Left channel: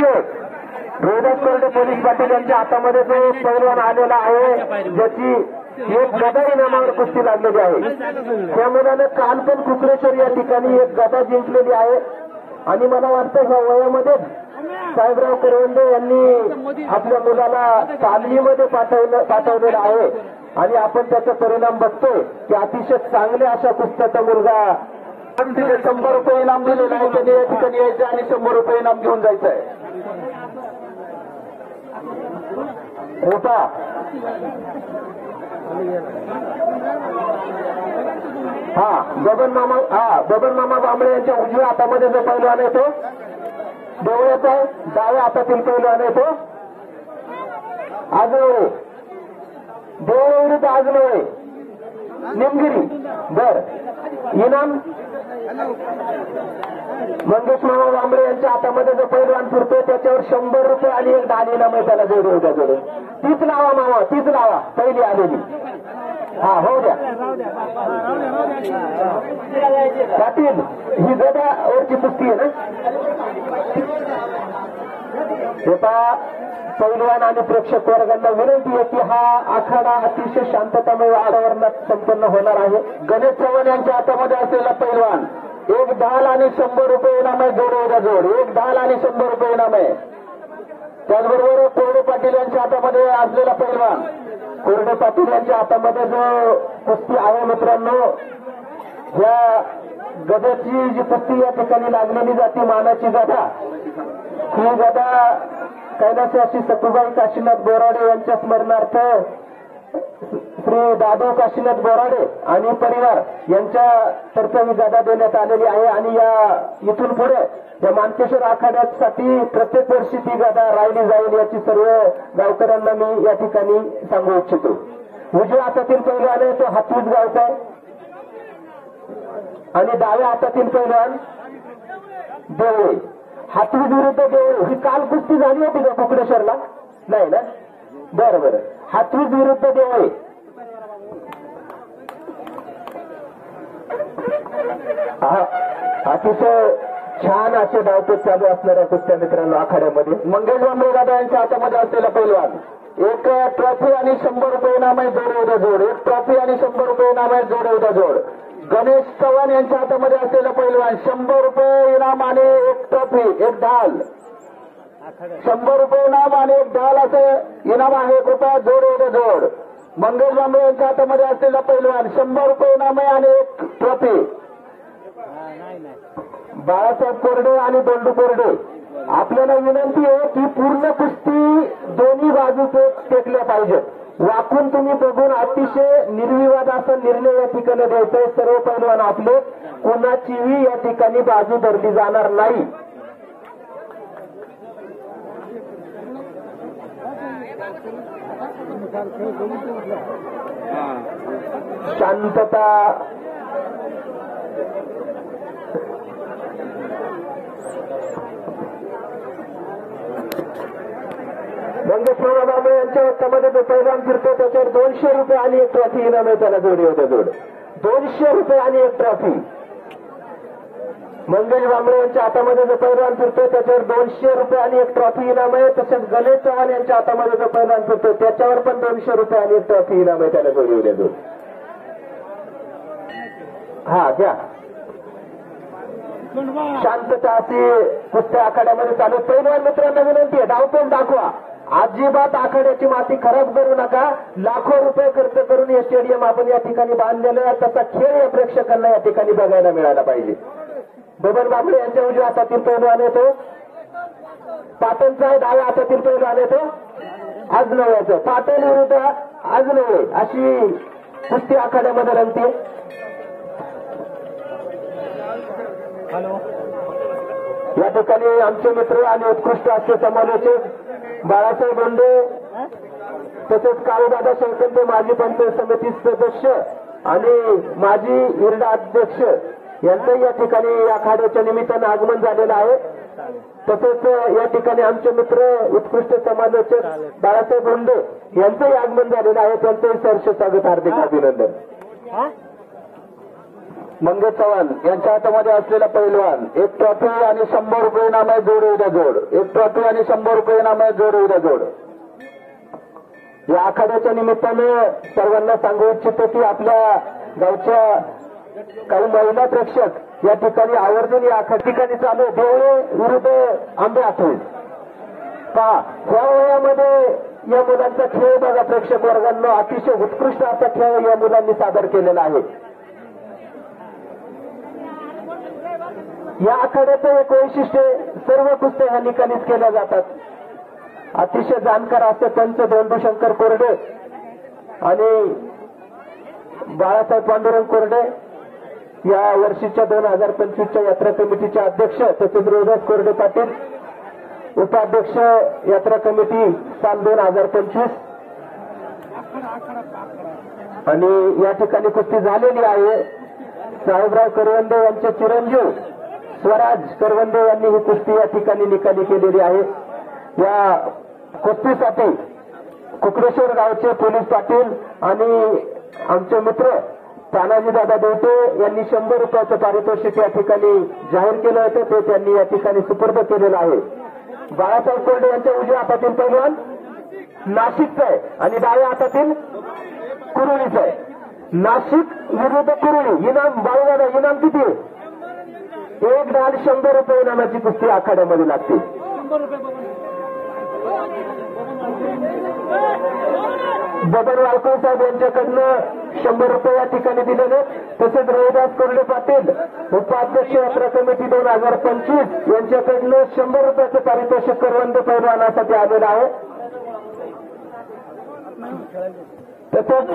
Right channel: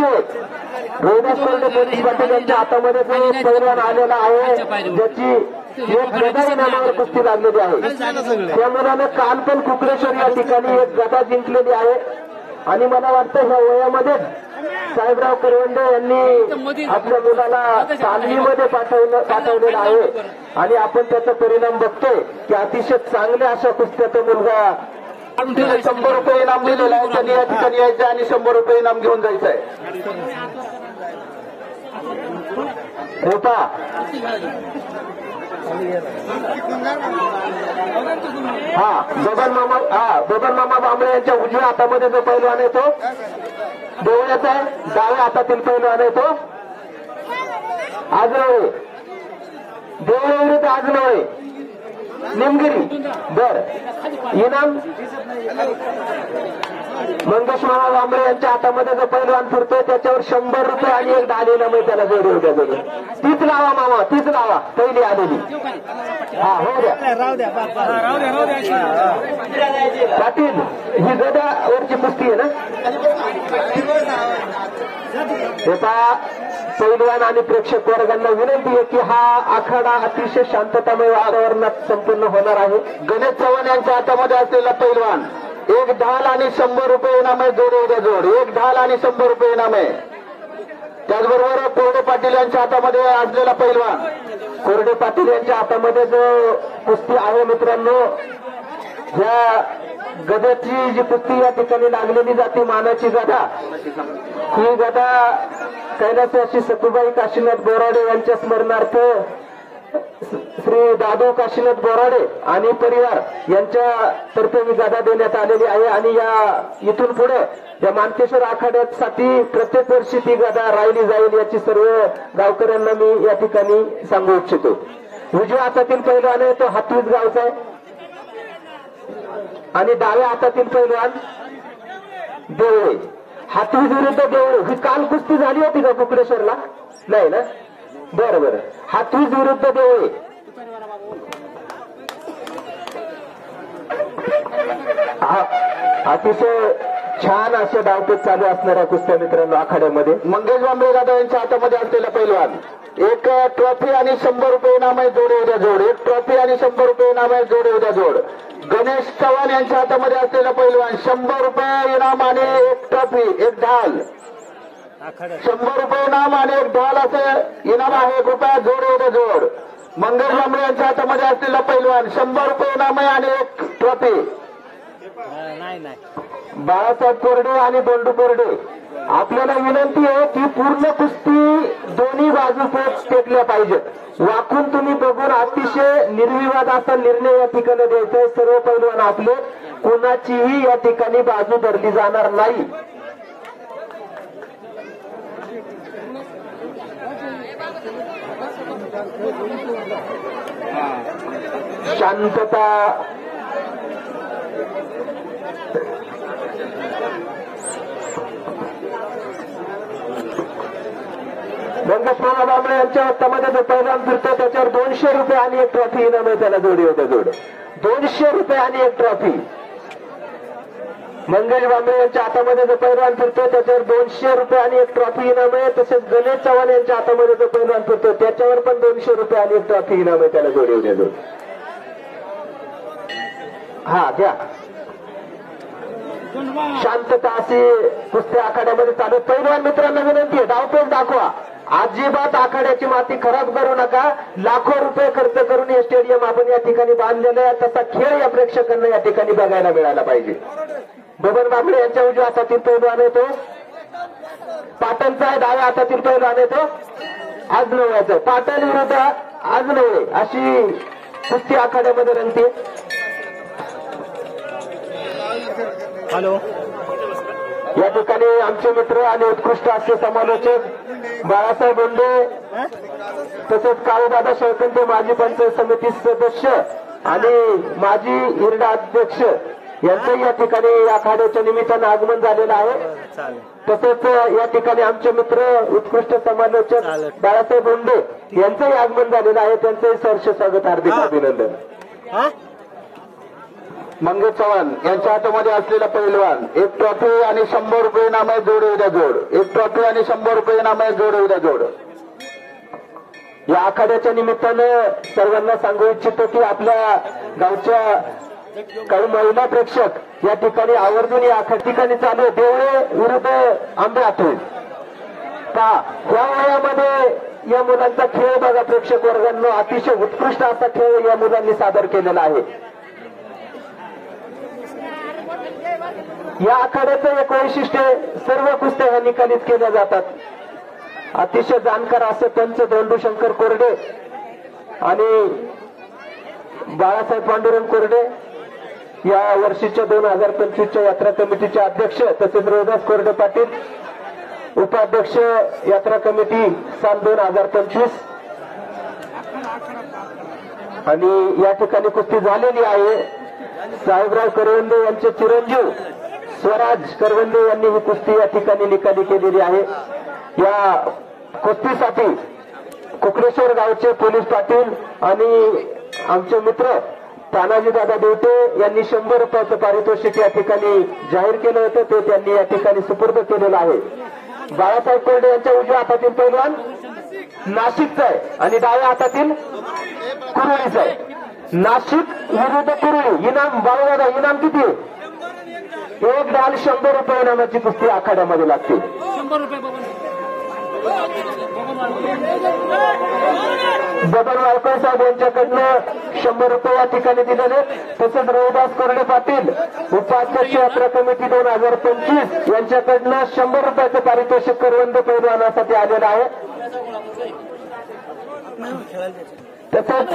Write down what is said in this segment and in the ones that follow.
Rohidas Kolte police Patil यांच्या हातामध्ये जो पैलवान आलेला आहे ज्याची एक गदा इनामावर कुस्ती लागलेली आहे त्या मुलानं काल पण कुकरेश्वर या ठिकाणी एक गदा जिंकलेली आहे आणि मला वाटतं ह्या वयामध्ये साहेबराव करवंडे यांनी आपल्या मुलाला तालमीमध्ये पाठवलेलं आहे आणि आपण त्याचा परिणाम बघतोय की अतिशय चांगल्या अशा कुस्त्याचा मुलगा 100 रुपये इनाम दिलेला आहे त्यांनी या ठिकाणी यायचं आणि 100 रुपये इनाम घेऊन जायचं आहे. होता बबन मामा बांबळे यांच्या उजव्या हातामध्ये जो पैलवान आहे तो देवळ्याचा आहे डाव्या हातातील पैलवान आहे तो आजनवळे देवळे विरुद्ध आजनवळे निमगिरी बर इनाम मंगेश मामा बांबळे यांच्या हातामध्ये जो पैलवान फिरतोय त्याच्यावर 100 रुपये आणि एक 10 इनाम आहे त्याला जोडी उद्या जोडून तीच लावा मामा तीच लावा पहिली आलेली हो द्या पाटील ही गड्यावरची कुस्ती आहे ना होता पैलवान आणि प्रेक्षक वर्गांना विनंती आहे की हा आखाडा अतिशय शांततामय वातावरणात संपन्न होणार आहे. गणेश चव्हाण यांच्या हातामध्ये असलेला पैलवान एक ढाल आणि 100 रुपये इनाम आहे जोड उद्या जोड एक ढाल आणि 100 रुपये इनाम आहे. त्याचबरोबर कोरडे पाटील यांच्या हातामध्ये असलेला पैलवान कोरडे पाटील यांच्या हातामध्ये जो कुस्ती आहे मित्रांनो या गदाची जी कुस्ती या ठिकाणी लागलेली जाते मानाची गदा ही गदा कैलासवासी सतुबाई काशीनाथ बोराडे यांच्या स्मरणार्थ श्री दादू काशीनाथ बोराडे आणि परिवार यांच्या तर्फे ही गदा देण्यात आलेली आहे आणि या इथून पुढे या मानकेश्वर आखाड्यासाठी प्रत्येक वर्षी ती गदा राहिली जाईल याची सर्व गावकऱ्यांना मी या ठिकाणी सांगू इच्छितो. उजव्या हातातील पैलवान आहे तो हातवीज गावचा आहे आणि डाव्या हातातील पैलवान देवळे हातवीज विरुद्ध देवळे ही काल कुस्ती झाली होती का कुकडेश्वरला नाही ना बरं बरं हातवीज विरुद्ध देवळे अतिशय छान असे डावपेच चालू असणाऱ्या कुस्त्या मित्रांनो आखाड्यामध्ये मंगेश बांबळे दादा यांच्या हातामध्ये असलेला पैलवान एक ट्रॉफी आणि 100 रुपये इनाम आहे जोड उद्या जोड एक ट्रॉफी आणि 100 रुपये इनाम आहे जोड उद्या जोड. गणेश चव्हाण यांच्या हातामध्ये असलेला पैलवान 100 रुपये इनाम आणि एक ट्रॉफी एक ढाल 100 रुपये इनाम आणि एक ढाल असे इनाम आहे कृपया जोड उद्या जोड. मंगेश बांबळे यांच्या हातामध्ये असलेला पैलवान 100 रुपये इनाम आहे आणि एक ट्रॉफी. बाळासाहेब कोरडे आणि दोंडू कोरडे आपल्याला विनंती आहे की पूर्ण कुस्ती दोन्ही बाजू टेकल्या पाहिजे. वाकून तुम्ही बघून अतिशय निर्विवाद असा निर्णय या ठिकाणी द्यायचा. सर्व पैलवान आपले कोणाचीही या ठिकाणी बाजू धरली जाणार नाही. शांतता मंगेश मामा बांबळे यांच्या हातामध्ये जो पैलवान फिरतो त्याच्यावर 200 रुपये आणि एक ट्रॉफी इनाम आहे त्याला जोडी होते जोड 200 रुपये आणि एक ट्रॉफी. मंगेश बांबळे यांच्या हातामध्ये जो पैलवान फिरतो त्याच्यावर 200 रुपये आणि एक ट्रॉफी इनाम आहे. तसेच गणेश चव्हाण यांच्या हातामध्ये जो पैलवान फिरतो त्याच्यावर पण 200 रुपये आणि एक ट्रॉफी इनाम आहे त्याला जोडी होते जोड. हा घ्या शांतता अशी कुस्त्या आखाड्यामध्ये चालू. पैलवान मित्रांना विनंती आहे धावपेच दाखवा. अजिबात आखाड्याची माती खराब करू नका. लाखो रुपये खर्च करून हे स्टेडियम आपण या ठिकाणी बांधलेलं आहे. तसा खेळ या प्रेक्षकांना या ठिकाणी बघायला मिळाला पाहिजे. बबन बांबळे यांच्या उजव्या हातातील पैलवान येतो पाटणचा आहे डाव्या हातातील पैलवान येतो आजनवळ्याचं पाटण विरुद्ध आजनवळे अशी कुस्ती आखाड्यामध्ये रंगते. हॅलो या ठिकाणी आमचे मित्र आणि उत्कृष्ट हास्य समालोचक बाळासाहेब बोंडे तसेच काळूदादा शेळकंदे माजी पंचायत समिती सदस्य आणि माजी हिरडा अध्यक्ष यांचंही या ठिकाणी आखाड्याच्या निमित्तानं आगमन झालेलं आहे. तसेच या ठिकाणी आमचे मित्र उत्कृष्ट समालोचक बाळासाहेब बोंडे यांचंही आगमन झालेलं आहे. त्यांचंही सहर्ष स्वागत हार्दिक अभिनंदन. मंगेश चव्हाण यांच्या हातामध्ये असलेला पैलवान, एक ट्रॉफी आणि 100 रुपये इनाम आहे. जोड उद्या जोड, एक ट्रॉफी आणि 100 रुपये इनाम आहे. जोड उद्या जोड. या आखाड्याच्या निमित्तानं सर्वांना सांगू इच्छितो की आपल्या गावच्या काही महिला प्रेक्षक या ठिकाणी आवर्जून या ठिकाणी चालू आहे. देवळे विरुद्ध आंबे आठवले का या वयामध्ये या मुलांचा खेळ बघा प्रेक्षक वर्गांना, अतिशय उत्कृष्ट असा खेळ या मुलांनी सादर केलेला आहे. या आखाड्याचं एक वैशिष्ट्य, सर्व कुस्त्या ह्या निकालीच केल्या जातात. अतिशय जाणकार असं त्यांचं धोंडूशंकर कोरडे आणि बाळासाहेब पांडुरंग कोरडे या वर्षीच्या 2025च्या यात्रा कमिटीचे अध्यक्ष, तसेच रोहिदास कोरडे पाटील उपाध्यक्ष यात्रा कमिटी साल 2025. आणि या ठिकाणी कुस्ती झालेली आहे. साहेबराव करवंदे यांचे चिरंजीव स्वराज करवंदे यांनी ही कुस्ती या ठिकाणी निकाली केलेली आहे. या कुस्तीसाठी कुकडेश्वर गावचे पोलीस पाटील आणि आमचे मित्र तानाजी दादा देवटे यांनी 100 रुपयाचं पारितोषिक या ठिकाणी जाहीर केलं होतं, ते त्यांनी या ठिकाणी सुपूर्द केलेलं आहे. बाळासाहेब कोरडे यांच्या उजव्या हातातील पैलवान नाशिकचा आहे आणि डाव्या हातातील कुरळीचा आहे. नाशिक विरुद्ध कुरळी. इनाम बाळूदादा, इनाम किती? एक डाल 100 रुपये इनामाची कुस्ती आखाड्यामध्ये लागते. बबन वाळकर साहेब यांच्याकडनं 100 रुपये या ठिकाणी दिलेले. तसेच रोहिदास कोरडे पाटील उपाध्यक्ष यात्रा कमिटी 2025 यांच्याकडनं 100 रुपयाचं पारितोषिक करवंदे पैलवानासाठी आलेलं आहे. तसंच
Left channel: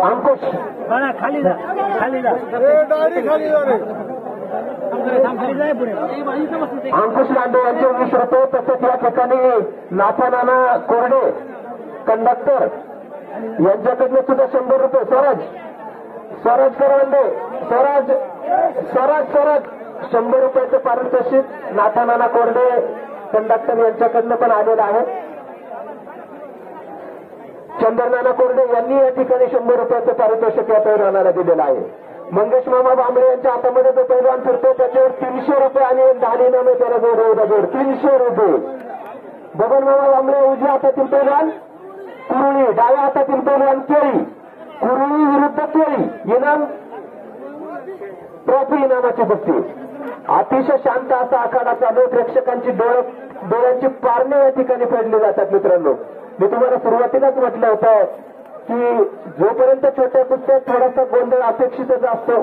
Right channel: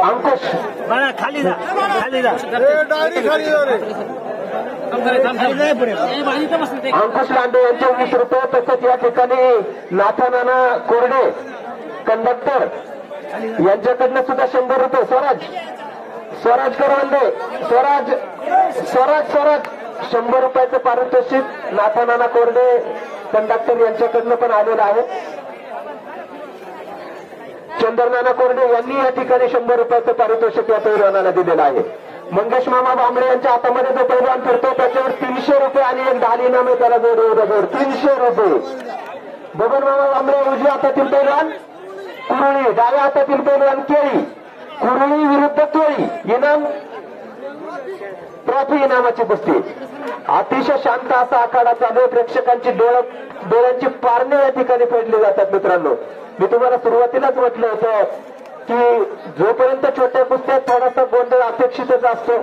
अंकुश खाली जा, खाली जा, डायरी खाली जा रे. अंकुश लांडे यांचे 20 रुपये. तसेच या ठिकाणी नाथानाना कोरडे कंडक्टर यांच्याकडनं सुद्धा 100 रुपये. स्वराज करवंदे, स्वराज 100 रुपयाचं पारितोषिक नाथानाना कोरडे कंडक्टर यांच्याकडनं पण आलेलं आहे. चंद्रनाना कोरडे यांनी या ठिकाणी 100 रुपयाचं पारितोषिक या पैलवानाला दिलेलं आहे. मंगेश मामा बांबळे यांच्या हातामध्ये जो पैलवान फिरतो त्याच्यावर 300 रुपये आणि एक दाल इनाम आहे. त्याला जोड 300 रुपये. बबन मामा बांबळे उजव्या हातातील पैलवान कुरळी, डाव्या हातातील पैलवान केळी. कुरळी विरुद्ध केळी. इनाम ट्रॉफी इनामाची कुस्ती. अतिशय शांत असा आखाडा चालू आहे. प्रेक्षकांची डोळ्यांची पारणे या ठिकाणी फेडली जातात. मित्रांनो, मी तुम्हाला सुरुवातीलाच म्हटलं होतं की जोपर्यंत छोट्या कुस्त्यात थोडासा गोंधळ अपेक्षितच असतो.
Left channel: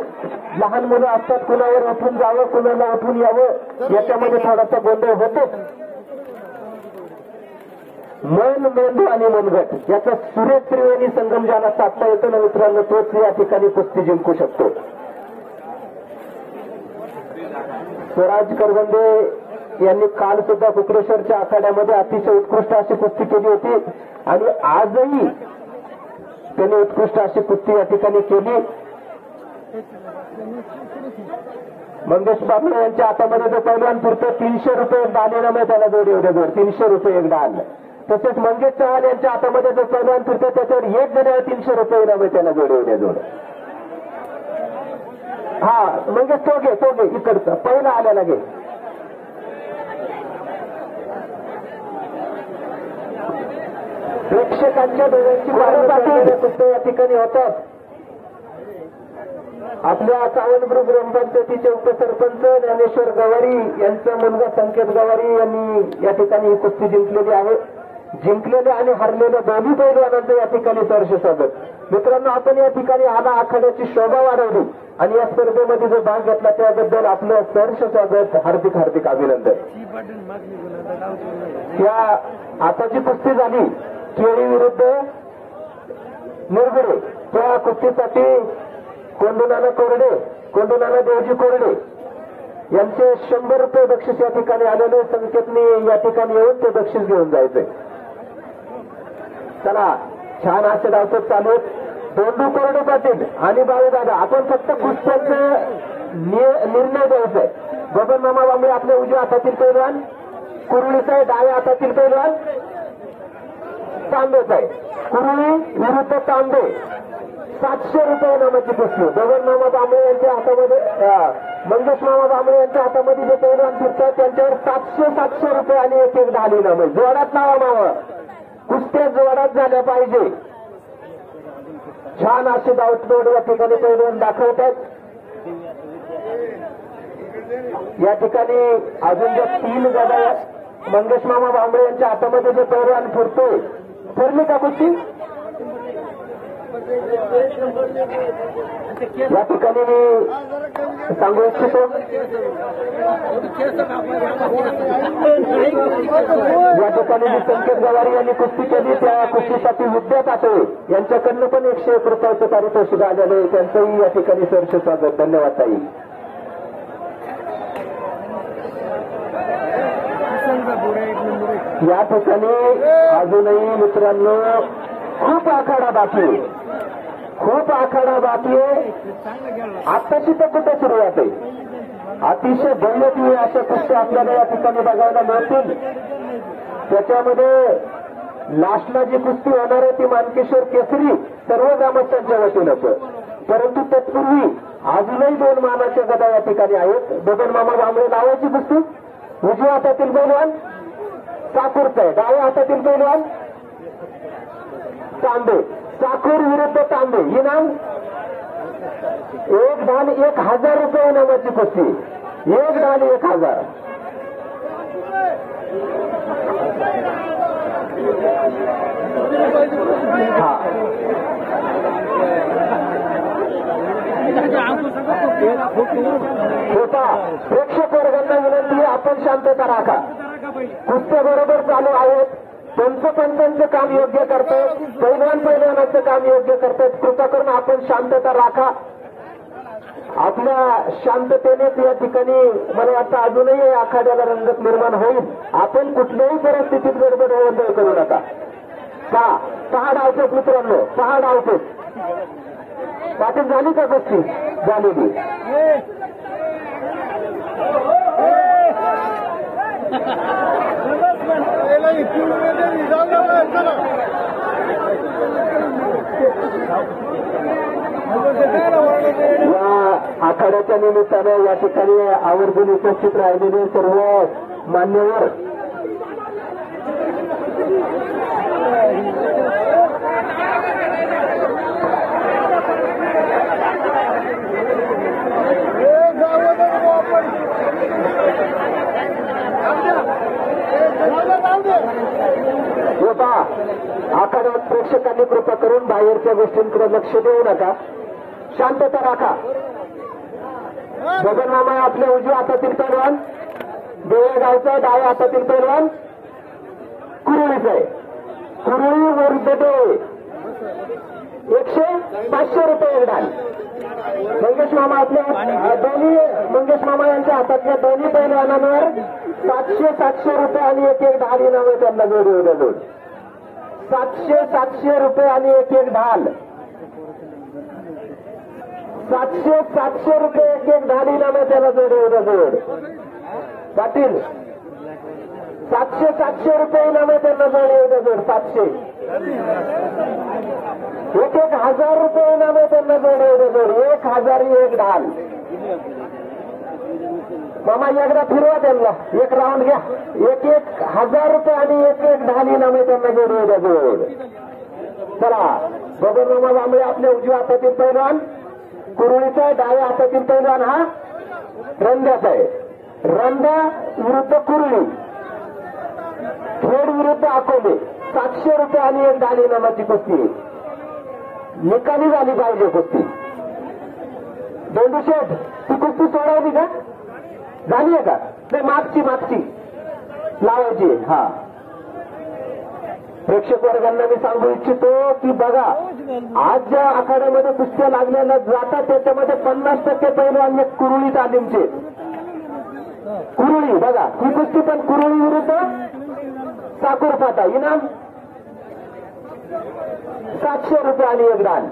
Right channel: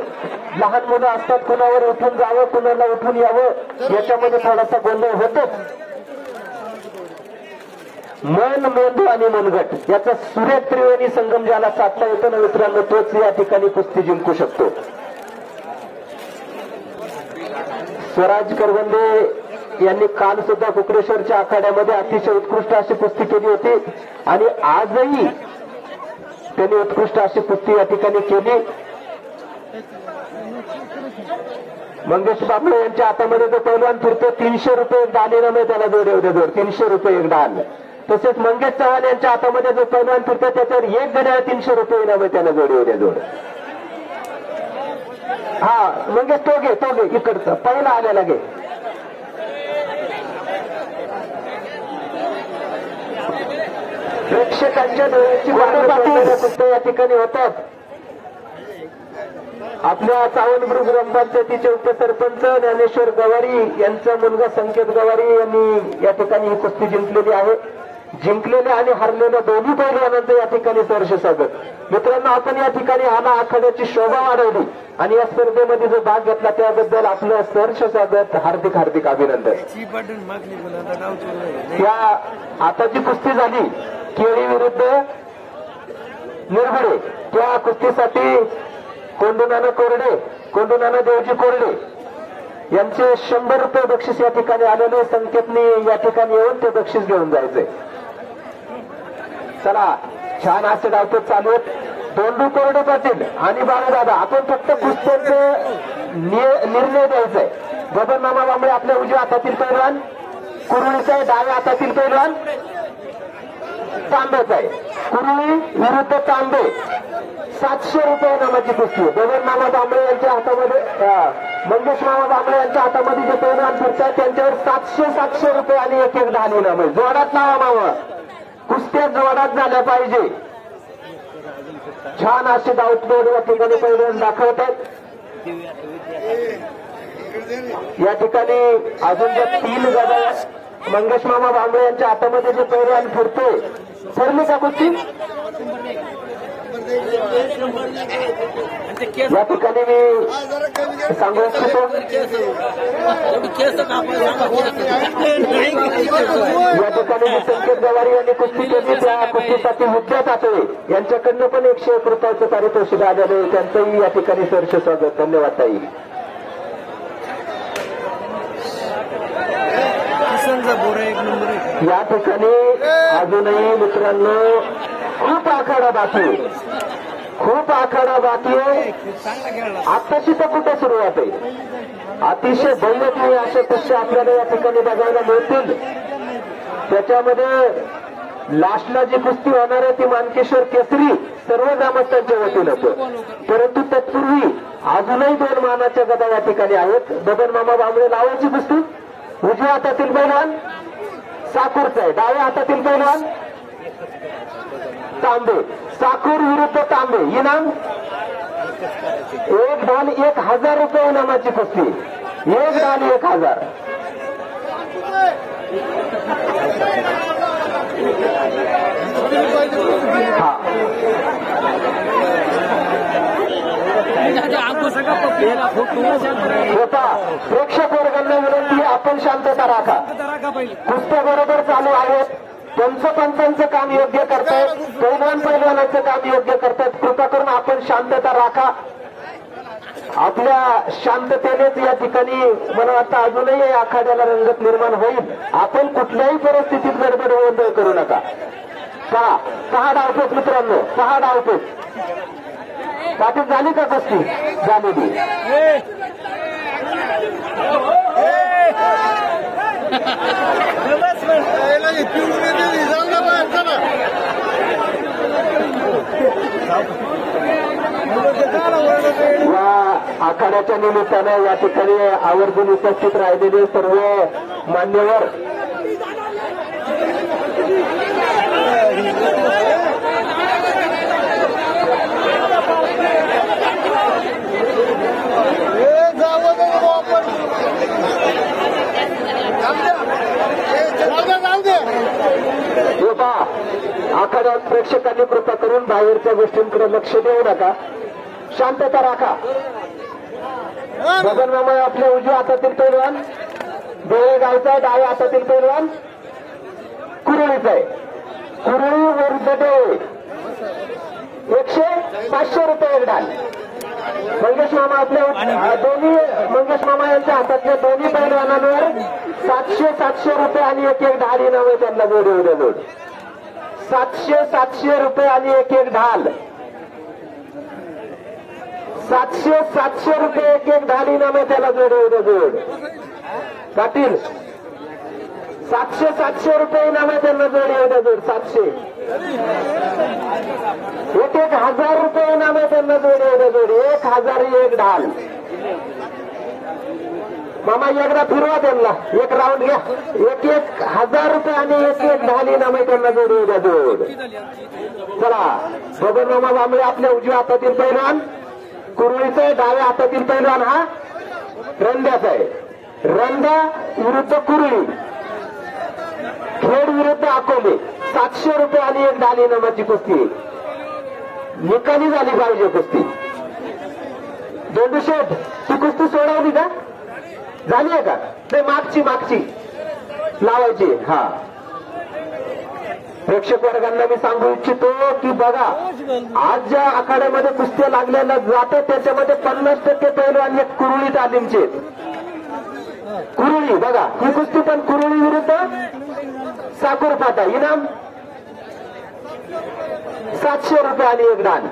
लहान मुलं असतात, कुणावर उठून जावं, कुणाला उठून यावं, याच्यामध्ये थोडासा गोंधळ होतो. मन, मेंदू आणि मनगट याचा सुरेख त्रिवेणी संगम ज्याला साधता येतो ना मित्रांनो, तोच या ठिकाणी कुस्ती जिंकू शकतो. स्वराज करवंदे यांनी काल सुद्धा कुकडेश्वरच्या आखाड्यामध्ये अतिशय उत्कृष्ट अशी कुस्ती केली होती आणि आजही त्यांनी उत्कृष्ट अशी कुस्ती या ठिकाणी केली. मंगेश बाबळे यांच्या हातामध्ये जो पैलवान फिरतो 300 रुपये दाल इनाम आहे. त्याला जोड उद्या जोड 300 रुपये एक डाल. तसेच मंगेश चव्हाण यांच्या हातामध्ये जो पैलवान फिरतो त्याच्यावर एक घड्याळ 300 रुपये इनाम आहे. त्याला जोड उद्या जोड. हा मंगेश तो घे इकडचा पहिला आलेला घे. प्रेक्षकांच्या डोळ्याची वाढ या ठिकाणी होतात. आपल्या चावणबुद्रुक ग्रामपंचायतीचे उपसरपंच ज्ञानेश्वर गवारी यांचा मुलगा संकेत गवारी यांनी या ठिकाणी ही कुस्ती जिंकलेली आहे. जिंकलेले आणि हरलेले दोन्ही पैलवानांचं या ठिकाणी सहर्ष स्वागत. मित्रांनो, आपण या ठिकाणी आला आखाड्याची शोभा वाढवली आणि या स्पर्धेमध्ये जो भाग घेतला त्याबद्दल आपलं सहर्ष स्वागत, हार्दिक हार्दिक अभिनंदन. या आता जी कुस्ती झाली केळी विरुद्ध निरगुडे, त्या कुस्तीसाठी कोंडूनाना कोरडे, कोंडूनाना देवजी कोरडे यांचे 100 रुपये बक्षीस या ठिकाणी आलेले. संकेतने या ठिकाणी येऊन ते बक्षीस घेऊन जायचंय. चला, छान असे डावपेच चालू आहेत. दोंडू कोरडे पाटील आणि बाळूदादा आपण फक्त कुस्त्याचा निर्णय द्यायचा आहे. बबनमामा बांबळे आपल्या उजव्या हातातील पैलवान, कुरुळीचा डाव्या हातातील पैलवान तांबेचा आहे. कुरुळी विरुद्ध तांबे 700 रुपये नामाची कुस्ती. बबनमामा बांबळे यांच्या हातामध्ये, मंगेश मामा बांबळे यांच्या हातामध्ये जे पैलवान फिरतात त्यांच्यावर 700 रुपये आणि एक धान इनाम आहे. जोरात नावा मावा, कुस्त्या जोरात झाल्या पाहिजे. छान असे डाऊटबोर्ड व ठिकाणी पैलवान दाखवत आहेत. या ठिकाणी अजून ज्या 3 गदा मंगेश मामा बांबळे यांच्या हातामध्ये जे पैलवान फिरतोय, ठरली का कुस्ती? या ठिकाणी मी सांगू इच्छितो, या ठिकाणी मी संकेत गवारी यांनी कुस्ती केली. त्या कुस्तीसाठी विद्या तातळे यांच्याकडनं पण 101 रुपयाचं पारितोषिक आलेलं आहे. त्यांचंही या ठिकाणी सहर्ष स्वागत. धन्यवाद ताई. या ठिकाणी अजूनही मित्रांनो खूप आखाडा बाकी आहे, खूप आखाडा बाकी आहे. आत्ताची तर कुठे सुरुवात आहे. अतिशय भव्य अशा कुस्त्या आपल्याला या ठिकाणी बघायला मिळतील. त्याच्यामध्ये लास्टला जी कुस्ती होणार आहे ती मानकेश्वर केसरी सर्व ग्रामस्थांच्या वतीनं. परंतु तत्पूर्वी अजूनही 2 मानाच्या गदा या ठिकाणी आहेत. बबनमामा बांबळे लावायची कुस्ती. उजव्या हातातील पैलवान साकूरचा आहे, डाव्या हातातील पैलवान तांबे. साकूर विरुद्ध तांबे. इनाम 1 धान 1000 रुपये इनामाची कुस्ती. 1 धान 1000. प्रेक्षक वर्गांना विनंती, आपण शांतता राखा. कुस्त्या बरोबर चालू आहेत. पंचांचं काम योग्य करतायत, पैलवानाचं काम योग्य करतायत. कृपा करून आपण शांतता राखा. आपल्या शांततेनेच या ठिकाणी मला वाटतं अजूनही आखाड्याला रंगत निर्माण होईल. आपण कुठल्याही परिस्थितीत गडबड गोंधळ करू नका. 6 डावपेच मित्रांनो, 6 डावपेच. पाटील झाली का कुस्ती? झालेली. या आखाड्याच्या निमित्तानं या ठिकाणी आवर्जून उपस्थित राहिलेले सर्व मान्यवर आखाड्यात प्रेक्षकांनी कृपा करून बाहेरच्या गोष्टींकडे लक्ष देऊ नका. शांतता राखा. बबनमामा आपल्या उजव्या हातातील पैलवान देळेगावचा, डाव्या हातातील पैलवान कुरुळीचा आहे. कुरुळी विरुद्ध देळे 500 रुपये एक डाल. मंगेश मामा आपल्या दोन्ही मंगेश मामा यांच्या हातातल्या दोन्ही पैलवानांवर 700 रुपये आणि एक ढाल इनाम आहे. त्यांना जोड उद्या जोड 700 रुपये आणि एक ढाल. 700 रुपये एक ढाल इनाम आहे. त्याला जोड उद्या जोड. पाटील 700 रुपये इनाम आहे. त्यांना जोड उद्या जोड. 700 1000 रुपये इनाम आहे. त्यांना जोड उद्या जोड. 1000 एक ढाल. मामा एकदा फिरवा त्यांना. एक राऊंड घ्या. 1000 रुपये आणि एक ढाल इनाम आहे. त्यांना जोड उद्या जोड. चला बबनमामा बांबळे आपल्या उजव्या हातातील पैलवान कुरुळीचा आहे. डाव्या हातातील पैलवान हा रंध्याचा आहे. रंध्या विरुद्ध कुरुळी, खेड विरुद्ध अकोले. 700 रुपये आणि एक ढाल इनामाची कुस्ती. निकाली झाली पाहिजे कुस्ती. दोंडू शेठ ती कुस्ती सोडवली का? झाली आहे का? ते मागची लावायची. हा प्रेक्षक वर्गांना मी सांगू इच्छितो की बघा आज ज्या आखाड्यामध्ये कुस्त्या लागलेल्या जातात त्याच्यामध्ये 50% पैलवान आहेत कुरुळी तालीमचे. कुरुळी बघा ही कुस्ती पण कुरुळी विरुद्ध साकूर फाटा. इनाम 700 रुपये आणि एक दान.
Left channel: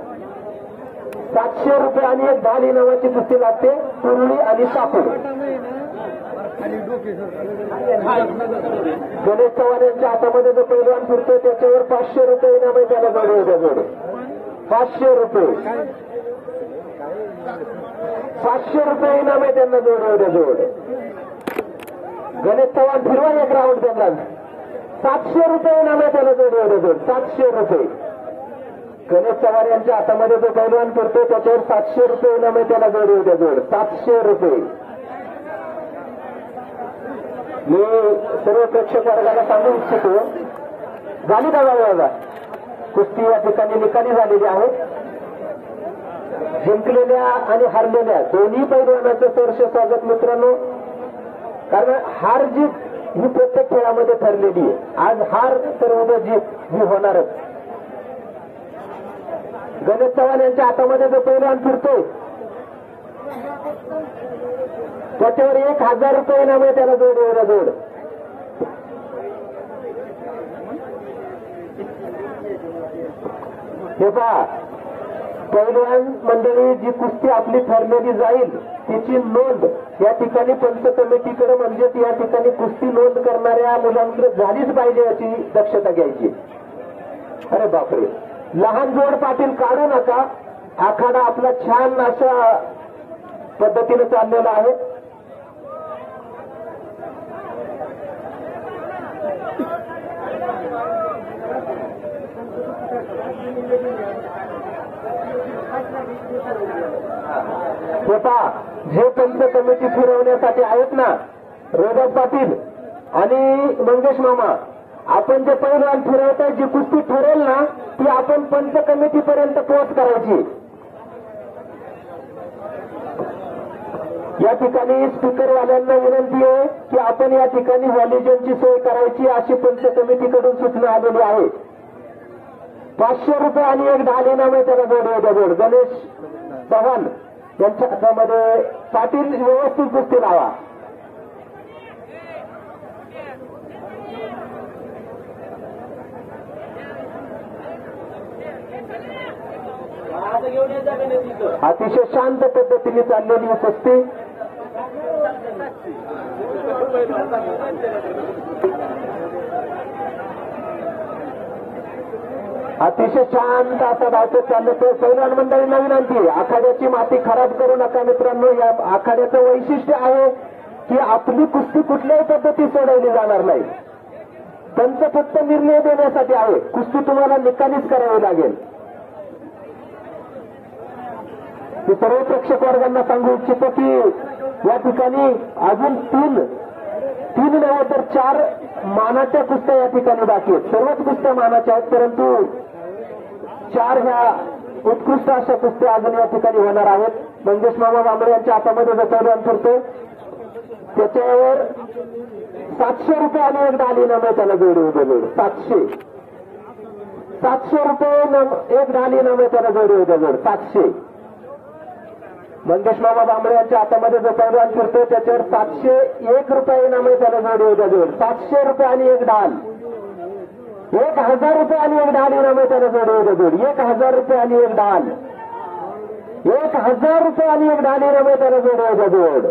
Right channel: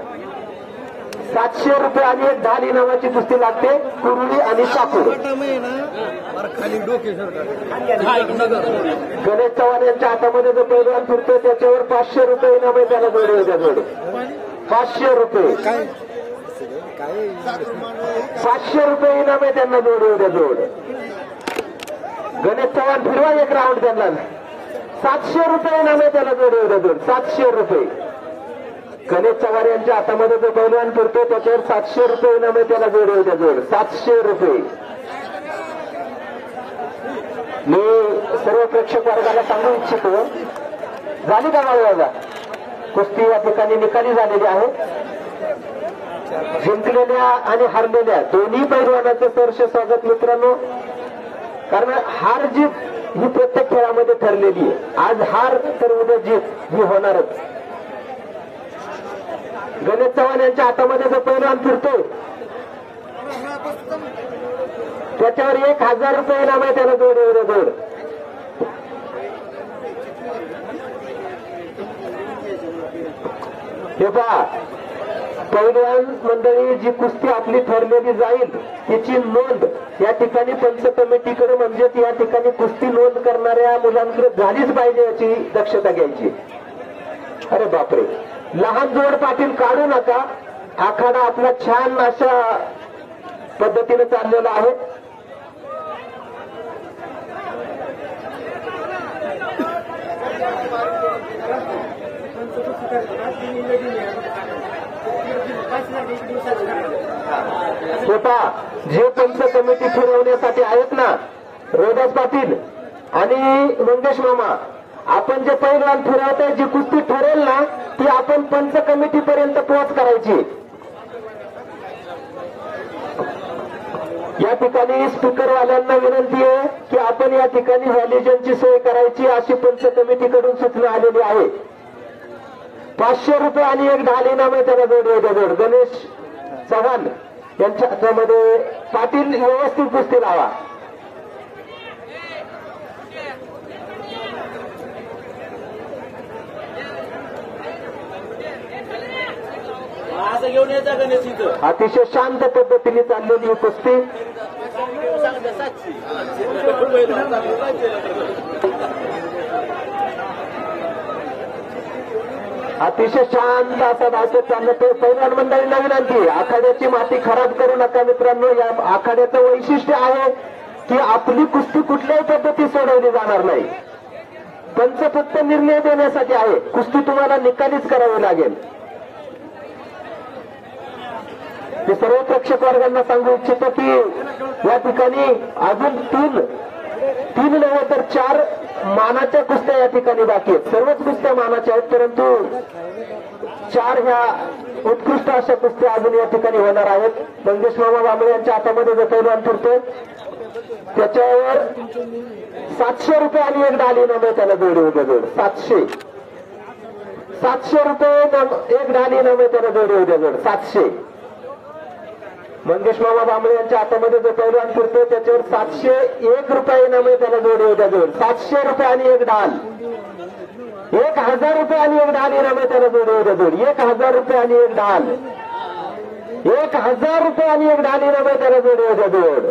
700 रुपये आणि एक ढाल इनामाची कुस्ती लागते कुर्ली आणि साकूर. गणेश चव्हाण यांच्या हातामध्ये जो पैलवान फिरतो त्याच्यावर 500 रुपये इनाम आहे. त्याला जोड 500 रुपये 500 रुपये इनाम आहे त्यांना जोड. गणेश चव्हाण फिरवा एक राऊंड त्यांना 700 रुपये इनाम आहे त्याला जोड 700 रुपये. गणेश चव्हाण यांच्या हातामध्ये जो पैलवान फिरतो त्याच्यावर 700 रुपये इनाम आहे त्याला जोड 700 रुपये. मी सर्व प्रेक्षक वर्गाला सांगू इच्छितो झाली का बाळा कुस्ती या ठिकाणी निकाली झालेली आहे. जिंकलेल्या आणि हरलेल्या दोन्ही पैलवानांचं सहर्ष स्वागत मित्रांनो. कारण हार जीत ही प्रत्येक खेळामध्ये ठरलेली आहे. आज हार तर उद्या जीत ही होणारच. गणेश चव्हाण यांच्या हातामध्ये जो पैलवान फिरतो त्याच्यावर 1000 रुपये इनाम आहे त्याला जोड. हे पहा पैलवान मंडळी जी कुस्ती आपली ठरलेली जाईल तिची नोंद या ठिकाणी पंच कमिटीकडे म्हणजेच या ठिकाणी कुस्ती नोंद करणाऱ्या मुलांकडे झालीच पाहिजे याची दक्षता घ्यायची. अरे बापरे लहान जोड पाटील काढू नका. आखाडा आपला छान अशा पद्धतीने चाललेला आहे. स्वतः जे पंच कमिटी फिरवण्यासाठी आहेत ना रोडस पाटील आणि मंगेश मामा आपण जे पैलवान फिरवत जी कुस्ती ठरेल ना ती आपण पंच कमिटी पर्यंत पोहोच करायची. या ठिकाणी स्पीकरवाल्यांना विनंती आहे की आपण या ठिकाणी व्हॅलिजनची सोय करायची अशी पंच कमिटीकडून सूचना आलेली आहे. 500 रुपये आणि एक ढाल इनाम आहे त्याला जोड. गणेश चव्हाण यांच्या हातामध्ये पाटील व्यवस्थित कुस्ती लावा. अतिशय शांत पद्धतीने चाललेली ही कुस्ती. अतिशय शांत असा धावत चाललं. पैलवान मंडळींना विनंती आखाड्याची माती खराब करू नका मित्रांनो. या आखाड्याचं वैशिष्ट्य आहे की आपली कुस्ती कुठल्याही पद्धती सोडवली जाणार नाही. पंच फक्त निर्णय देण्यासाठी आहे. कुस्ती तुम्हाला निकालीच करावी लागेल. मी सर्व प्रेक्षक वर्गांना सांगू इच्छितो की या ठिकाणी अजून तीन नव्हे तर 4 मानाच्या कुस्त्या या ठिकाणी बाकी आहेत. सर्वच कुस्त्या मानाच्या आहेत परंतु 4 ह्या उत्कृष्ट अशा कुस्त्या अजून या ठिकाणी होणार आहेत. मंगेश मामा बांबळे यांच्या हातामध्ये जो पैलवान फिरतो त्याच्यावर 700 रुपये आणि एक ढाल इनाम आहे त्याला जोड 700 रुपये एक ढाल इनाम आहे त्याला जोड 700. मंगेश मामा बांबळे यांच्या हातामध्ये जो पैलवान फिरतो त्याच्यावर 701 रुपये इनाम आहे त्याला जोड 700 रुपये आणि एक ढाल 1000 रुपये आणि एक ढाल इनाम आहे त्याला जोड 1000 रुपये आणि एक ढाल 1000 रुपये आणि एक ढाल इनाम आहे त्याला जोड.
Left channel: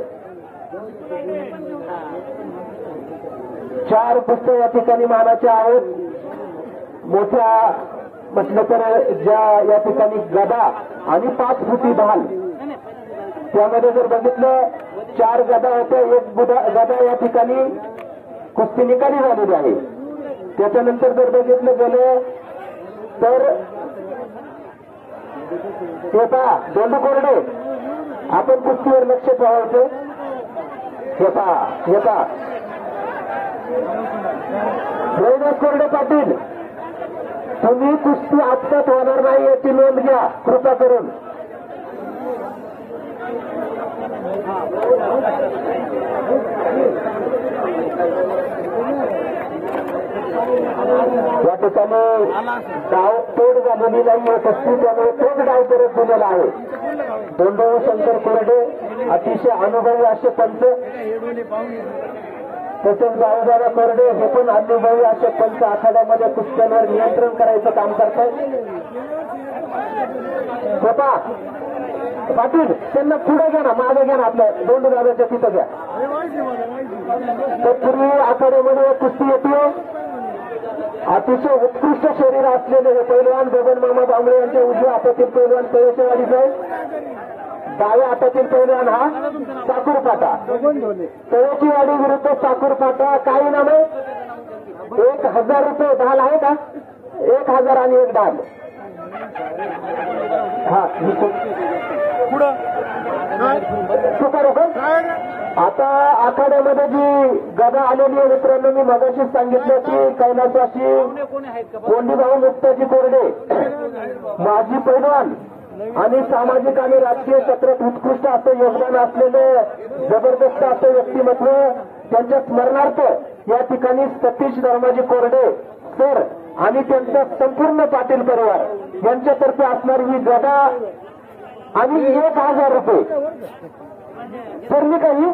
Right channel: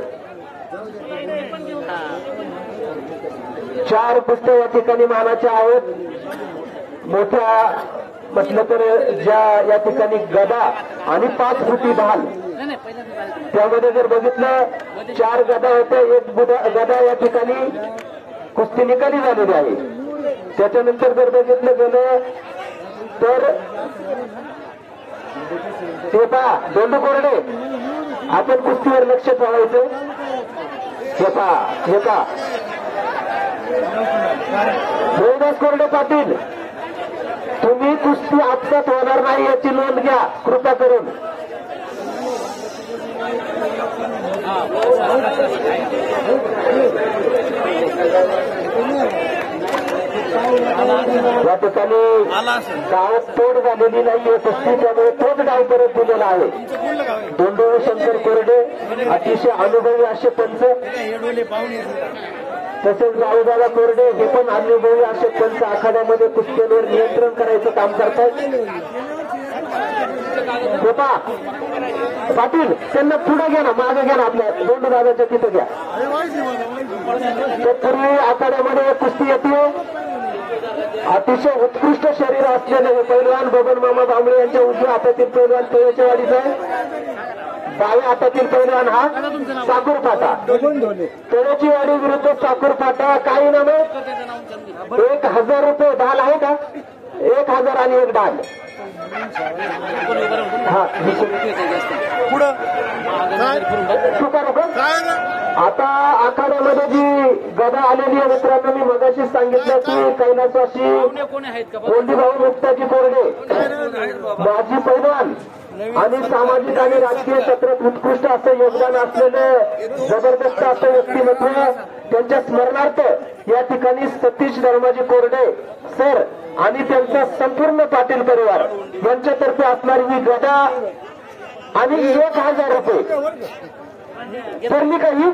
4 कुस्त्या या ठिकाणी मानाच्या आहेत. मोठ्या म्हटलं तर ज्या या ठिकाणी गदा आणि 5 फुटी ढाल त्यामध्ये जर बघितलं 4 गदा होत्या. एक गदा या ठिकाणी कुस्ती निकाली झालेली आहे. त्याच्यानंतर जर बघितलं गेलं तर दोंडू कोरडे आपण कुस्तीवर लक्ष ठेवायचं. रोहिदास कोरडे पाटील तुम्ही कुस्ती आपसात होणार नाही याची नोंद घ्या कृपा करून. या ठिकाणी डाव तोड झालेली नाहीये कुस्ती त्यामुळे तोच डाव परत दिलेला आहे. दोंडू शंकर कोरडे अतिशय अनुभवी असे पंच तसेच बाळूदादा कोरडे हे पण अनुभवी असे पंच आखाड्यामध्ये कुस्त्यांवर नियंत्रण करायचं काम करतात. होता पाटील त्यांना पुढे घ्या ना, मागे घ्या ना, आपल्या दोन दादाच्या तिथं घ्या. तत्पूर्वी आखाड्यामध्ये कुस्ती येते. अतिशय उत्कृष्ट शरीर असलेले पैलवान बबन मामा बांबळे यांच्या उजव्या हातातील पैलवान तळ्याच्या वाडीचा आहे. डाव्या हातातील पैलवान हा साखरपाटा. तळ्याची वाडी विरुद्ध साखरपाटा. काही नाम आहे. 1000 रुपये ढाल आहे का? 1000 आणि 1 ढाल. हा आता आखाड्यामध्ये जी गदा आलेली आहे मित्रांनो, मी मगाशीच सांगितलं की कैलासवासी गोंडीभाऊ मुक्ताजी कोरडे माजी पैलवान आणि सामाजिक आणि राजकीय क्षेत्रात उत्कृष्ट असं योगदान असलेलं जबरदस्त असं व्यक्तिमत्व, त्यांच्या स्मरणार्थ या ठिकाणी सतीश धर्माजी कोरडे सर आणि त्यांचा संपूर्ण पाटील परिवार यांच्यातर्फे असणारी ही गदा आणि 1000 रुपये ठरली काही.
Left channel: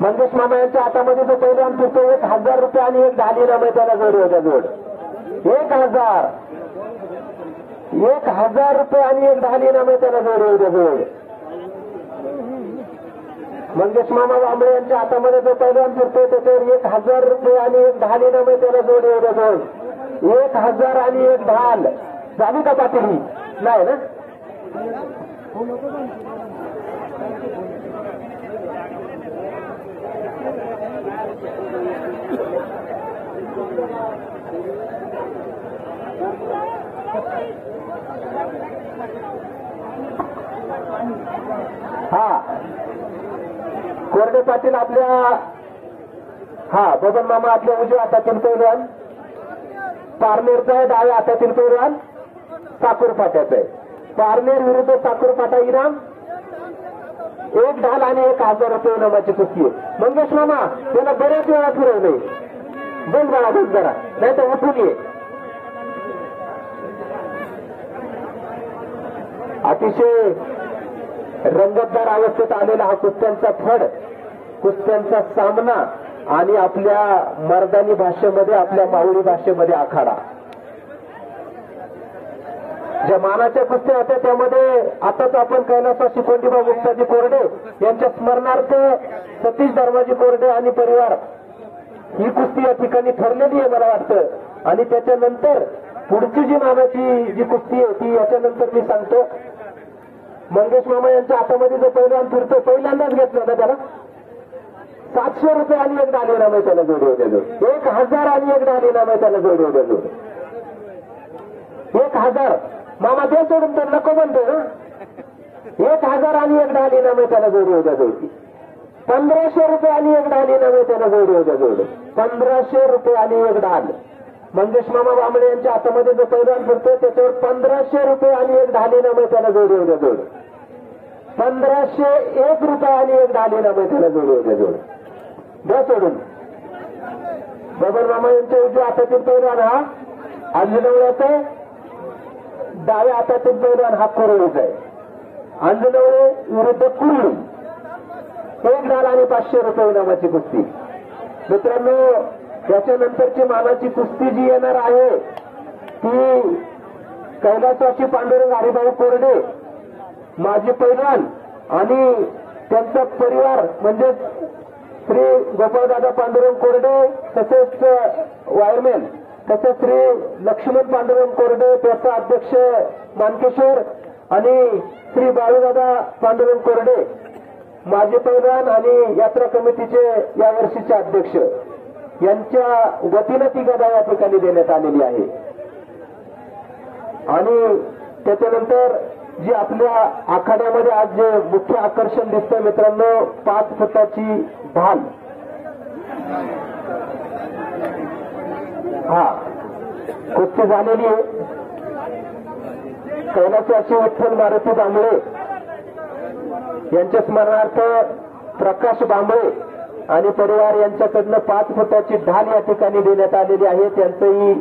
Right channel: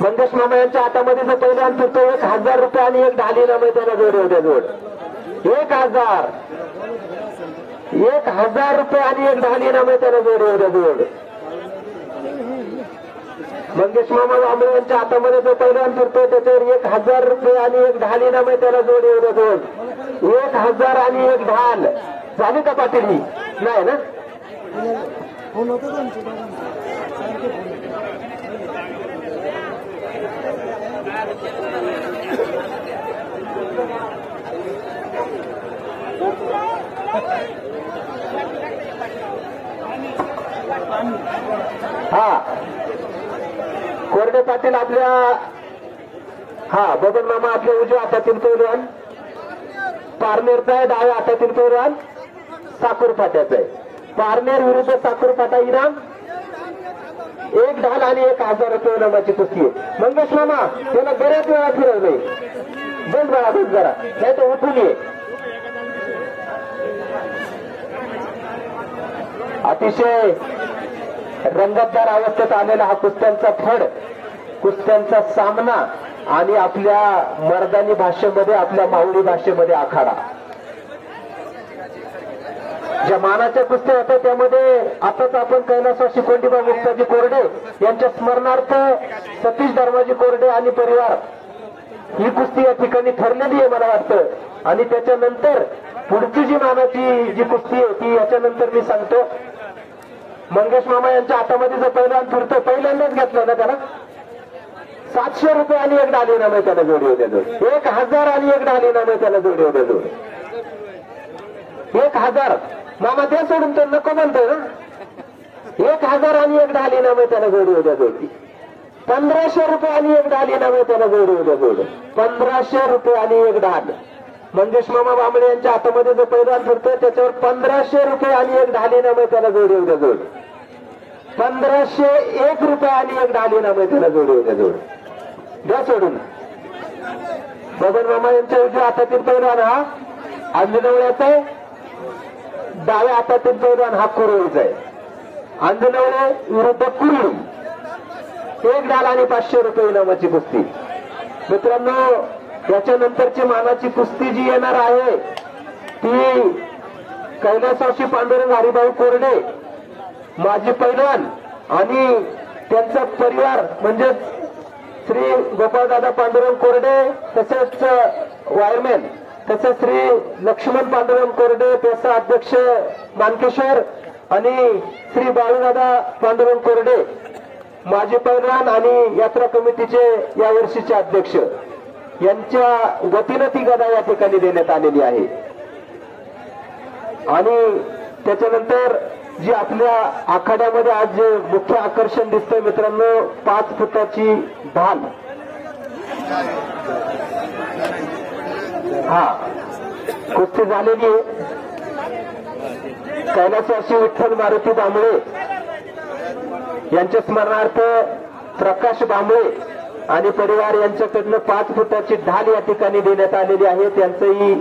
मंगेश मामा यांच्या हातामध्ये जो पैलवान फिरतो 1000 रुपये आणि 1 ढाली नाम त्याला जोड होत्या जोड. 1000 रुपये आणि 1 ढाली नाम त्याला जोड होत्या जोड. मंगेश मामा बांबळे यांच्या हातामध्ये जो पैलवान फिरतो त्याच्यावर 1000 रुपये आणि 1 ढाली नाम त्याला जोड होत्या जोड. 1000 आणि 1 ढाल झाली का पाटील? ही नाही ना. हा कोरडे पाटील आपल्या हा बबन मामा आपल्या उजव्या हातातील पैलवान पारनेरचा आहे. डाव्या हातातील पैलवान साखरपाट्याचा आहे. पारनेर विरुद्ध साखरपाटा इनाम 1 ढाल आणि 1000 रुपये इनामाची कुस्ती आहे. मंगेश मामा त्याला बऱ्याच वेळा फिरवलंय. बंद बाळा बंद जरा, नाही तर उठून ये. अतिशय रंगतदार अवस्थेत आलेला हा कुस्त्यांचा फड, कुस्त्यांचा सामना आणि आपल्या मर्दानी भाषेमध्ये आपल्या माऊली भाषेमध्ये आखाडा. ज्या मानाच्या कुस्त्या होत्या त्यामध्ये आताच आपण कैलासवासी गोंडीभाऊ मुक्ताजी कोरडे यांच्या स्मरणार्थ सतीश धर्माजी कोरडे आणि परिवार ही कुस्ती या ठिकाणी ठरलेली आहे मला वाटतं. आणि त्याच्यानंतर पुढची जी मानाची जी कुस्ती आहे ती याच्यानंतर मी सांगतो. मंगेश मामा यांच्या हातामध्ये जो पैलवान फिरतो पहिल्यांदाच घेतला ना त्याला 700 रुपये आणि 1 ढाली नाम त्याला जोडी होत्या जोड. 1000 आणि 1 ढाली नाम त्याला जोडी होत्या जोड. 1000 मामा त्या सोडून तर नको म्हणतोय ना. 1000 आणि 1 ढाली नाम त्याला जोडी होत्या जोड. 1500 रुपये आणि 1 ढाली नाम त्याला जोडी होत्या जोड. 1500 रुपये आणि 1 ढाल. मंगेश मामा बांबळे यांच्या हातामध्ये जो पैलवान फिरतो त्याच्यावर 1500 रुपये आणि 1 ढाली नाम त्याला जोडी होत्या जोड. 1501 रुपये आणि 1 ढाली नाम त्याला जोडी होत्या जोड. द्या सोडून. बबन मामा यांच्या उजव्या हातातील पैलवान हा आंजणवळ्याचा, डाव्या हातातील पैलवान हा कुरळीचा आहे. आंजणवळे विरुद्ध कुरळी 1 ढाल आणि 500 रुपये इनामाची कुस्ती. मित्रांनो याच्यानंतरची मानाची कुस्ती जी येणार आहे ती कैलासवासी पांडुरंग हरिभाऊ कोरडे माजी पैलवान आणि त्यांचा परिवार म्हणजे श्री गोपाळदादा पांडुरंग कोरडे तसेच वायरमॅन तसेच श्री लक्ष्मण पांडुरंग कोरडे त्याचे अध्यक्ष मानकेश्वर आणि श्री बाळूदादा पांडुरंग कोरडे माजी पैलवान आणि यात्रा कमिटीचे या वर्षीचे अध्यक्ष यांच्या गतीनं ती गदा या ठिकाणी देण्यात आलेली आहे. आणि त्याच्यानंतर जी आपल्या आखाड्यामध्ये आज मुख्य आकर्षण दिसतंय मित्रांनो 5 फुटाची ढाल. हा कुस्ती झालेली आहे. कैलासवासी विठ्ठल मारुती बांबळे यांच्या स्मरणार्थ प्रकाश बांबळे आणि परिवार यांच्याकडनं 5 फुटाची ढाल या ठिकाणी देण्यात आलेली आहे. त्यांचंही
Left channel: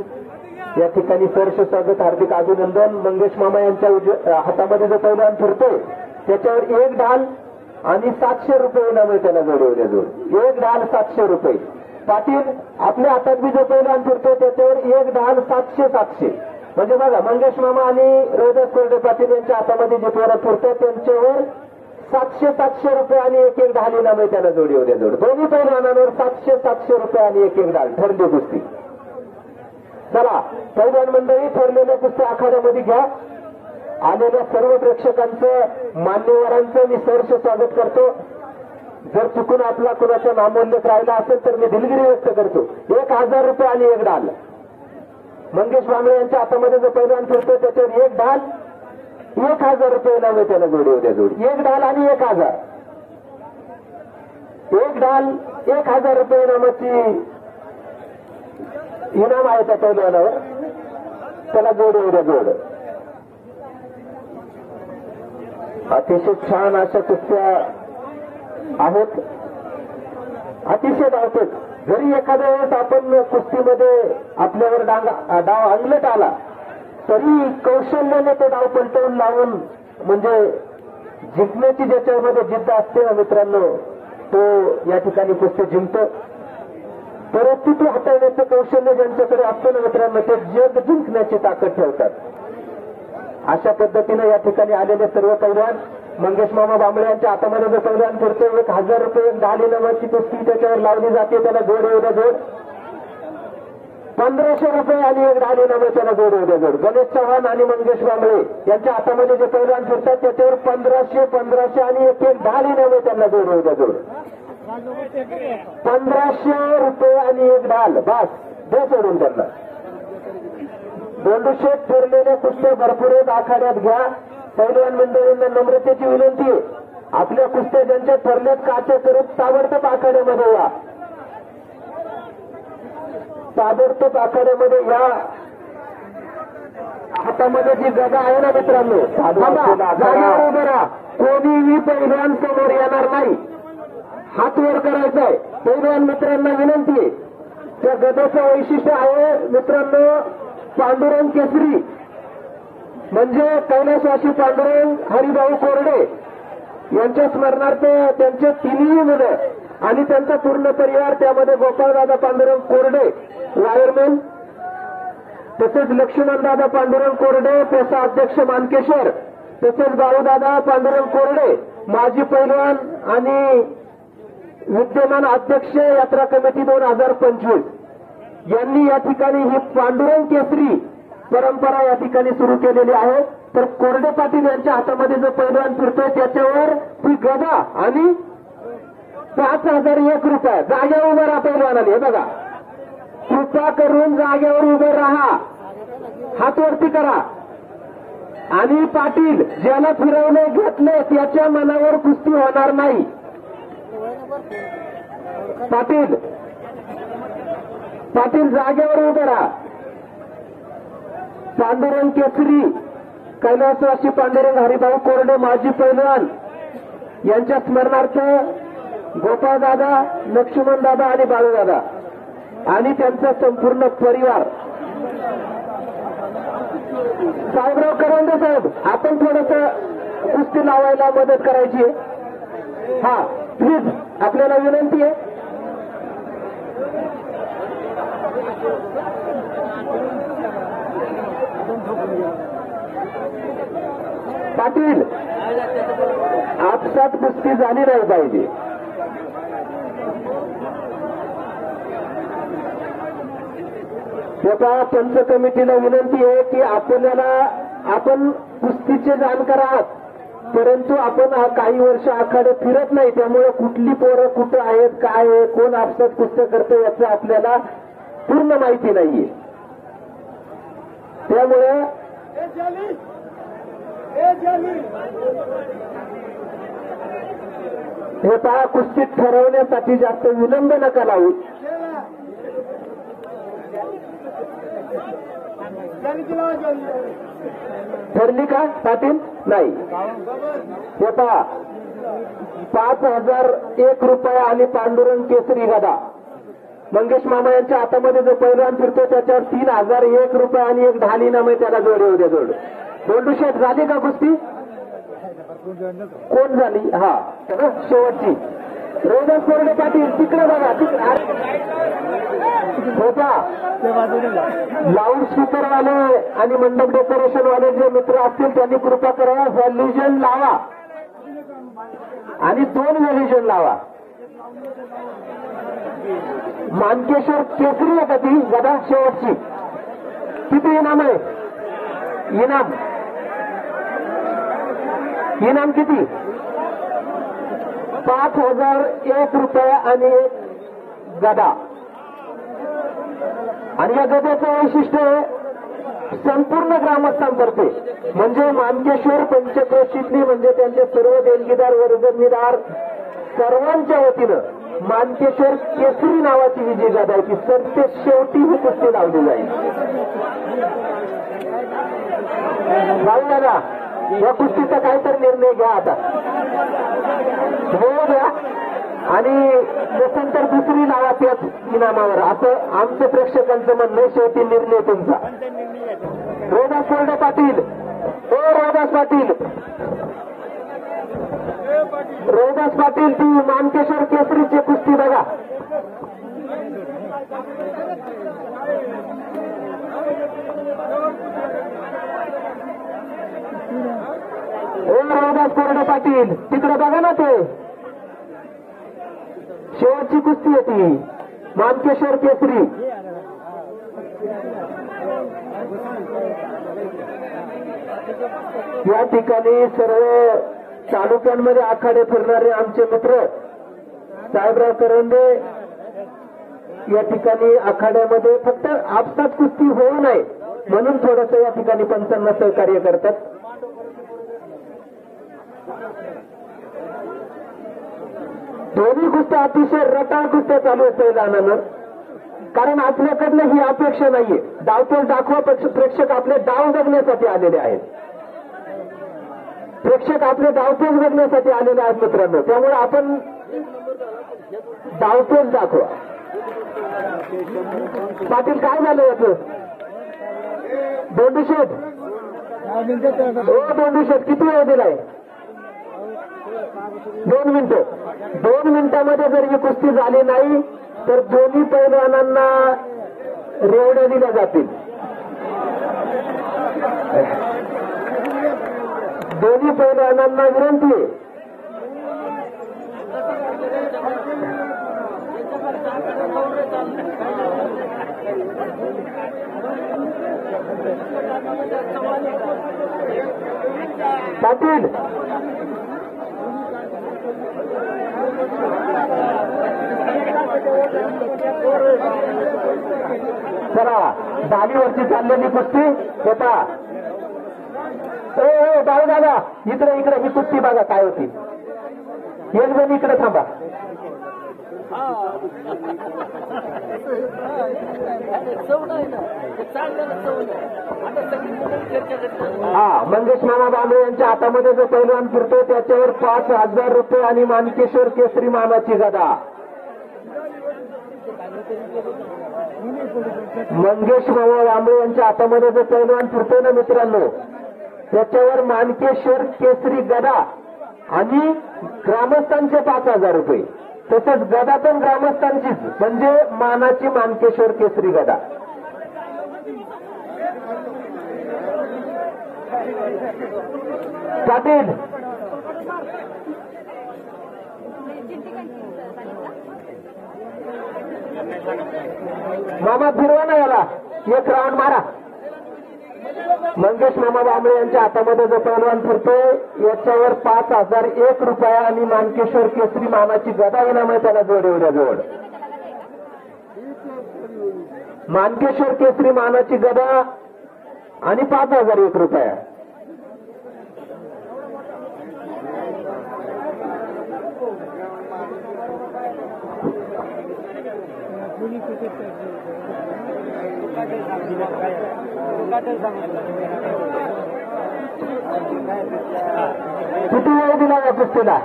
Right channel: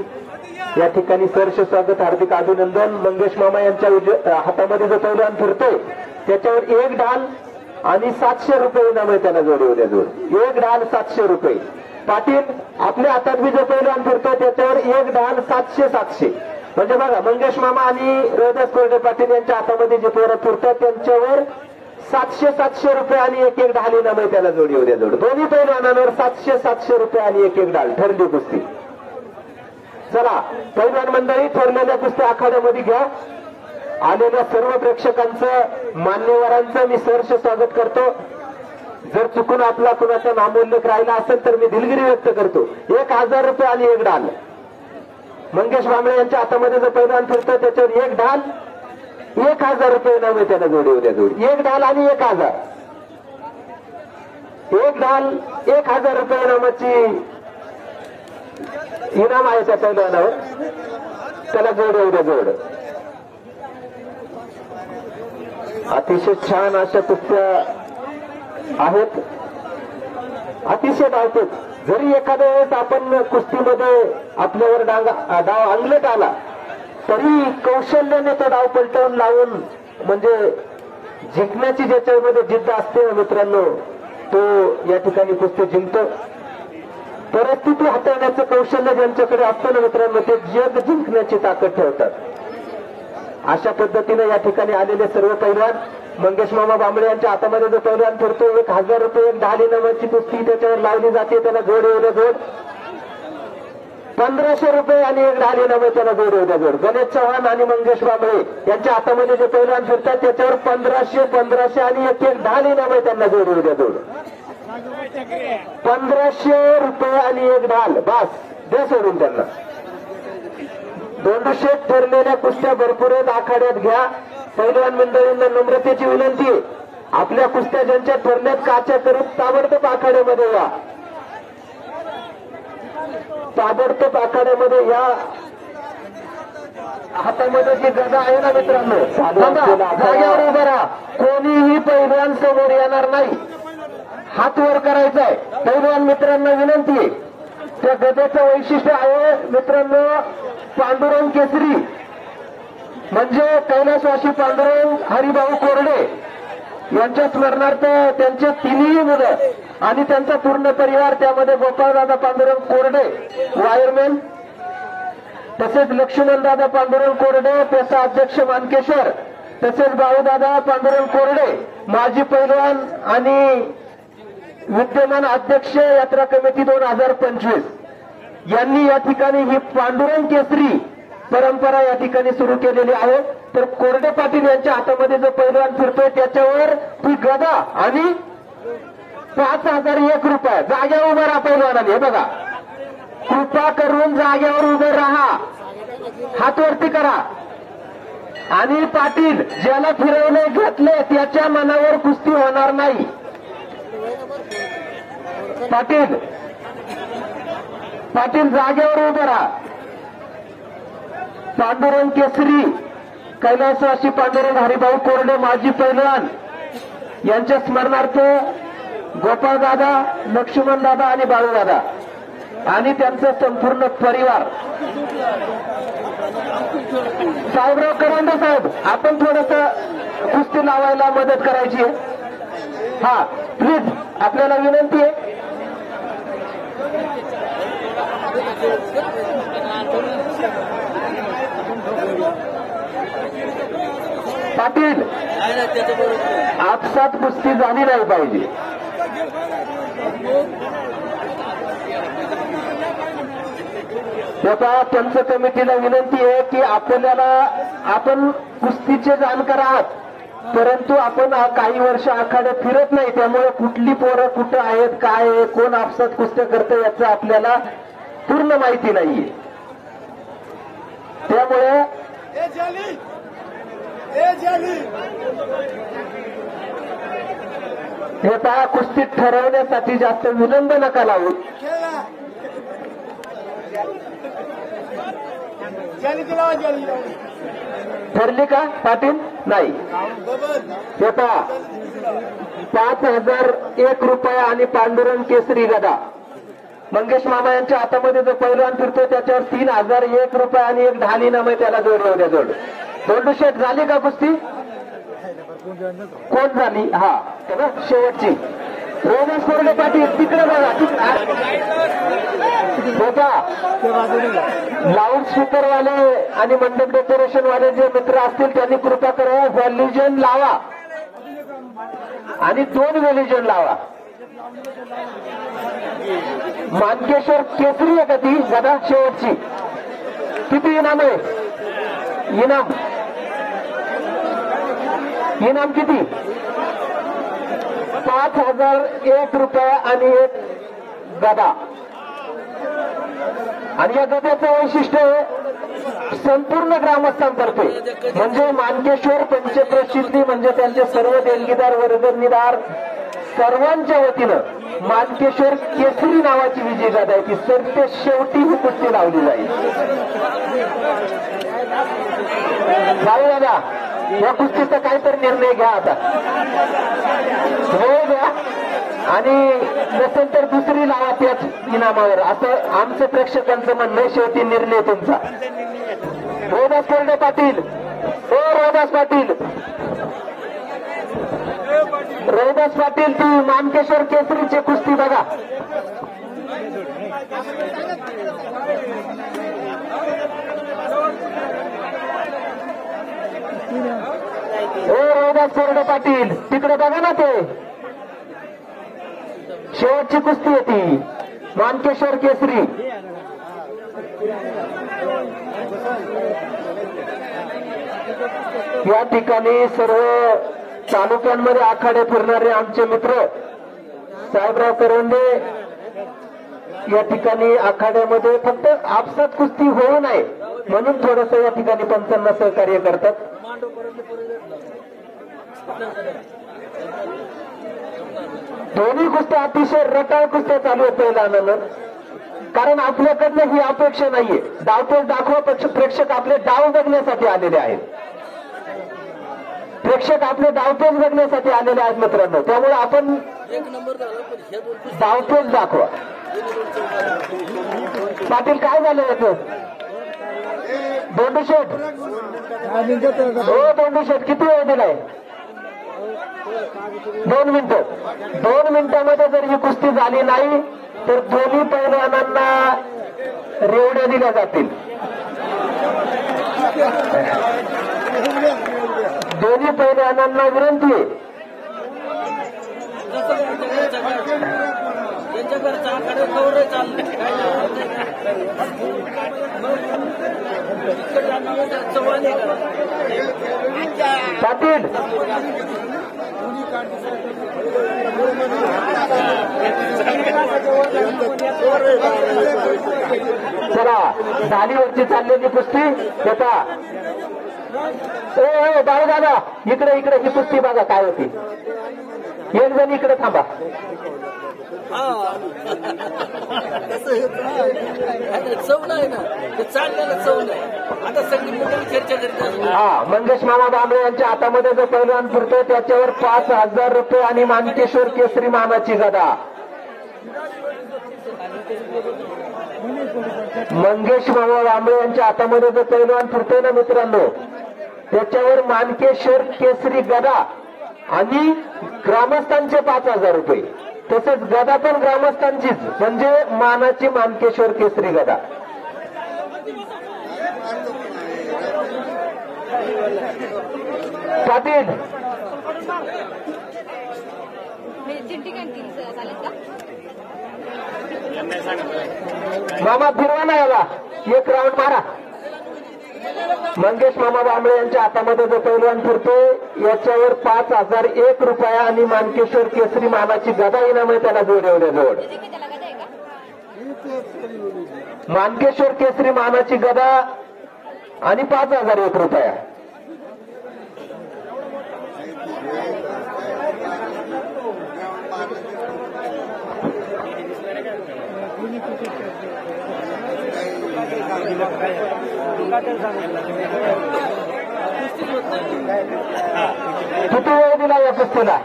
या ठिकाणी सहर्ष स्वागत, हार्दिक अभिनंदन. मंगेश मामा यांच्या हातामध्ये जो पैलवान फिरतोय त्याच्यावर 1 ढाल आणि 700 रुपये इनाम आहे. त्याला जोडवल्या जोड 1 ढाल 700 रुपये. पाटील आपल्या हातात बी जो पैलवान फिरतोय त्याच्यावर 1 ढाल 700. म्हणजे बघा, मंगेश मामा आणि रोहिदास कोरडे पाटील यांच्या हातामध्ये जे पोरं फिरतात त्यांच्यावर 700 रुपये आणि 1 ढाल इनाम आहे. त्याला जोडवल्या जोड. दोन्ही पैलवानांवर 700 रुपये आणि 1 ढाल. ठरली कुस्ती. चला पैलवान मंडळी, ठरलेल्या कुस्ती आखाड्यामध्ये घ्या. आलेल्या सर्व प्रेक्षकांचं, मान्यवरांचं मी सहर्ष स्वागत करतो. जर चुकून आपला कुणाचा नामोल्लेख राहिला असेल तर मी दिलगिरी व्यक्त करतो. 1000 रुपये आणि 1 ढाल. मंगेश बांबळे यांच्या हातामध्ये जो पैलवान फिरतो त्याच्यावर 1 ढाल 1000 रुपये इनाम आहे. त्याला जोडवल्या जोड 1 ढाल आणि 1000. 1 ढाल 1000 रुपये इनामाची इनाम आहे त्या पैलवानावर. त्याला जोडवल्या जोड. अतिशय छान अशा कुस्त्या आहेत, अतिशय धावतात. जरी एखाद्या वेळेस आपण कुस्तीमध्ये आपल्यावर डाव अंगलट आला तरी कौशल्याने तो डाव पलटवून लावून, म्हणजे जिंकण्याची ज्याच्यामध्ये जिद्द असते ना मित्रांनो, तो या ठिकाणी कुस्ती जिंकतो. परिस्थिती हाताळण्याचं कौशल्य ज्यांच्याकडे असतं ना मित्रांनो, ते जग जिंकण्याची ताकद ठेवतात. अशा पद्धतीने या ठिकाणी आलेले सर्व पैलवान, मंगेश मामा बांबळे यांच्या हातामध्ये जो पैलवान फिरतो 1000 रुपये 1 ढाल इनामाची कुस्ती त्याच्यावर लावली जाते. त्याला जोड 1500 रुपये आणि 1 ढाल इनाम त्याला जोड. गणेश चव्हाण आणि मंगेश बांबळे यांच्या हातामध्ये जे पैलवान फिरतात त्याच्यावर 1500 आणि 1 ढाल इनाम त्यांना जोड. 1500 रुपये आणि 1 ढाल. बस दे सोडून त्यांना. दोंडुशेत ठरलेल्या कुस्त्या भरपूर आखाड्यात घ्या. पैलवान मंडळींना नम्रतेची विनंती आहे, आपल्या कुस्त्या ज्यांच्या ठरण्यात काच्या करत ताबडतोब आखाड्यामध्ये या. ताबडतोब आखाड्यामध्ये या. हातामध्ये जी गदा आहे ना मित्रांनो, जागेवर उभं राहा. कोणीही पैलवान समोर येणार नाही. हात वर करायचा आहे. पैलवान मित्रांना विनंती आहे, त्या गदेचं वैशिष्ट्य आहे मित्रांनो पांडुरंग केसरी, म्हणजे कैलासवासी पांडुरंग हरिभाऊ कोरडे यांच्या स्मरणार्थ त्यांचे 3ही मुलं आणि त्यांचा पूर्ण परिवार, त्यामध्ये गोपाळदादा पांडुरंग कोरडे वायरमॅन, तसेच लक्ष्मणदादा पांडुरंग कोरडे पेसा अध्यक्ष मानकेश्वर, तसेच भाऊदादा पांडुरंग कोरडे माजी पैलवान आणि विद्यमान अध्यक्ष यात्रा कमिटी 2025 यांनी या ठिकाणी ही पांडुरंग केसरी परंपरा या ठिकाणी सुरू केलेली आहे. तर कोरडे पाटील यांच्या हातामध्ये जो पैलवान फिरतोय त्याच्यावर ती गदा आणि 5001 रुपये. जागेवर उभं राहा पैलवानाने. हे बघा, कृपा करून जागेवर उभे राहा, हात वरती करा. आणि पाटील ज्याला फिरवणे घेतले त्याच्या मनावर कुस्ती होणार नाही. पाटील जागेवर उभे राहा. पांडुरंग केसरी कैलासवासी पांडुरंग हरिभाऊ कोरडे माजी पैलवान यांच्या स्मरणार्थ गोपाळदादा, लक्ष्मणदादा आणि बाळूदादा आणि त्यांचा संपूर्ण परिवार. साहेबराव करंडे साहेब, आपण थोडस कुस्ती लावायला मदत करायची आहे. हा प्लीज, आपल्याला विनंती आहे. पाटील, आपसात कुस्ती झाली नाही पाहिजे. पंच कमिटीला विनंती आहे की आपण कुस्तीचे जाणकार आहात, परंतु आपण काही वर्ष आखाड्यात फिरत नाही, त्यामुळे कुठली पोरं कुठं आहेत, काय आहे, कोण आपसात कुस्त्या करतं याचं आपल्याला पूर्ण माहिती नाहीये. त्यामुळे हे पहा, कुस्ती ठरवण्यासाठी जास्त विलंब नका लावू. ठरली का पाटील? नाही. हे पहा 5,001 रुपये आणि पांडुरंग केसरी गदा. मंगेश मामा यांच्या हातामध्ये जो पहिलवान फिरतो त्याच्यावर 3,001 रुपये आणि एक ढाली नाम आहे, त्याला जोड येऊ द्या. जोड दोंडू शेठ झाली का कुस्ती? कोण झाली? हा शेवटची रोमेश कोरडे पाटील. तिकडे बघा, लाऊड स्पीकर वाले आणि मंडप डेकोरेशन वाले जे मित्र असतील त्यांनी कृपा करावं, व्हॅल्युजन लावा आणि 2 व्हॅल्युजन लावा. मानकेश्वर केसरी आहे का ती गदा शेवटची? किती इनाम आहे? इनाम किती? 5,001 रुपये आणि एक गदा. आणि या गद्याचं वैशिष्ट्य संपूर्ण ग्रामस्थांतर्फे म्हणजे मानकेश्वर पंचप्रसिद्धी म्हणजे त्यांचे सर्व देणगीदार वर्गणीदार सर्वांच्या वतीनं मानकेश्वर केसरी नावाची विजय गदा आहे ती सत्य शेवटी ही कुस्ती लावली जाईल. नाही दादा, या कुस्तीचा काहीतरी निर्णय घ्या आता. वेळ घ्या आणि नसेल तर दुसरी लावा त्याच इनामावर, असं आमचं प्रेक्षकांचं म्हणणं आहे. शेवटी निर्णय तुमचा. रोदास कोरडे पाटील, रोदास पाटील, रोदास पाटील ती मानकेश्वर केसरीची कुस्ती बघा. रोदास कोरडे पाटील तिकडे बघा ना, ते शेवटची कुस्ती आहे ती मानकेश्वर केसरी. या ठिकाणी सर्व तालुक्यांमध्ये आखाडे फिरणारे आमचे मित्र साहेबराव करंदे या ठिकाणी आखाड्यामध्ये फक्त आपसात कुस्ती होऊ नये म्हणून थोडस या ठिकाणी पंचांना सहकार्य करतात. दोन्ही कुस्त्या अतिशय रटाळ कुस्त्या चालू आहेत पहिल्यानं, कारण आपल्याकडनं ही अपेक्षा नाहीये. डावपेच दाखवा, प्रेक्षक आपले डाव बघण्यासाठी आलेले आहेत. प्रेक्षक आपले डावपेच बघण्यासाठी आलेले आहेत मित्रांनो, त्यामुळे आपण डावपेच दाखवा. पाटील काय झालं याचं? दोंडू शेठ, हो दोंडू शेठ किती वेळ दिलाय? 2 मिनिटं. 2 मिनिटांमध्ये जर ही कुस्ती झाली नाही तर दोन्ही पैलवानांना रेवड्या दिल्या जातील. दोन्ही पैलवानांना विनंती आहे. पाटील चला, धालीवरची चाललेली कुस्ती येता. बाळू दादा इकडे इकडे ही कुस्ती बघा काय होती. एक जण इकडे थांबा. हा, मंगेश मामा बांबळे यांच्या हातामध्ये जो पैलवान फिरतो त्याच्यावर 5,000 रुपये आणि मानकेश्वर केसरी मानाची गदा. मंगेश मामा बांबळे यांच्या हातामध्ये जो पैलवान फिरतोय ना मित्रांनो त्याच्यावर मानकेश्वर केसरी गदा आणि ग्रामस्थांचे 5,000 रुपये. तसंच गदा पण ग्रामस्थांचीच म्हणजे मानाची मानकेश्वर केसरी गदा. पाटील मामा फिरवा ना याला, एक राऊंड मारा. मंगेश मामा बांबळे यांच्या हातामध्ये जो पैलवान फिरतोय याच्यावर 5,001 रुपये आणि मानकेश्वर केसरी मानाची गदा इनाम आहे, त्याला जोड एवढ्याजवळ. मानकेश्वर केसरी मानाची गदा आणि 5,001 रुपये. किती वेळ दिला या कुस्तीला?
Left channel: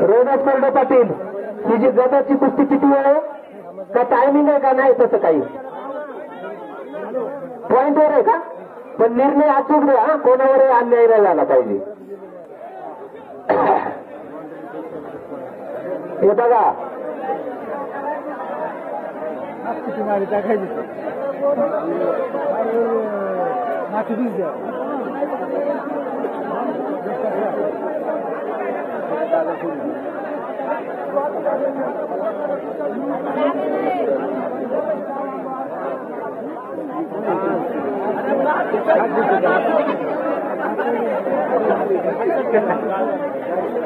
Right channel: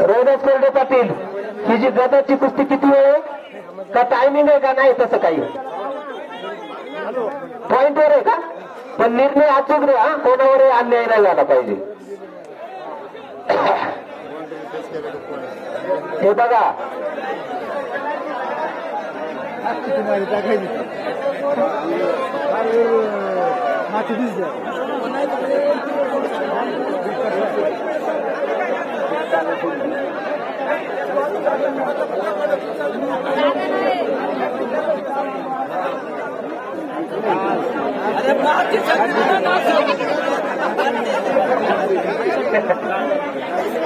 रोहिदास कोरडे पाटील, ही जी गदाची कुस्ती किती वेळ आहे? का टायमिंग आहे का नाही? तसं काही पॉइंटवर आहे का? पण निर्णय अचूक द्या, कोणावरही अन्याय नाही झाला पाहिजे. हे बघा,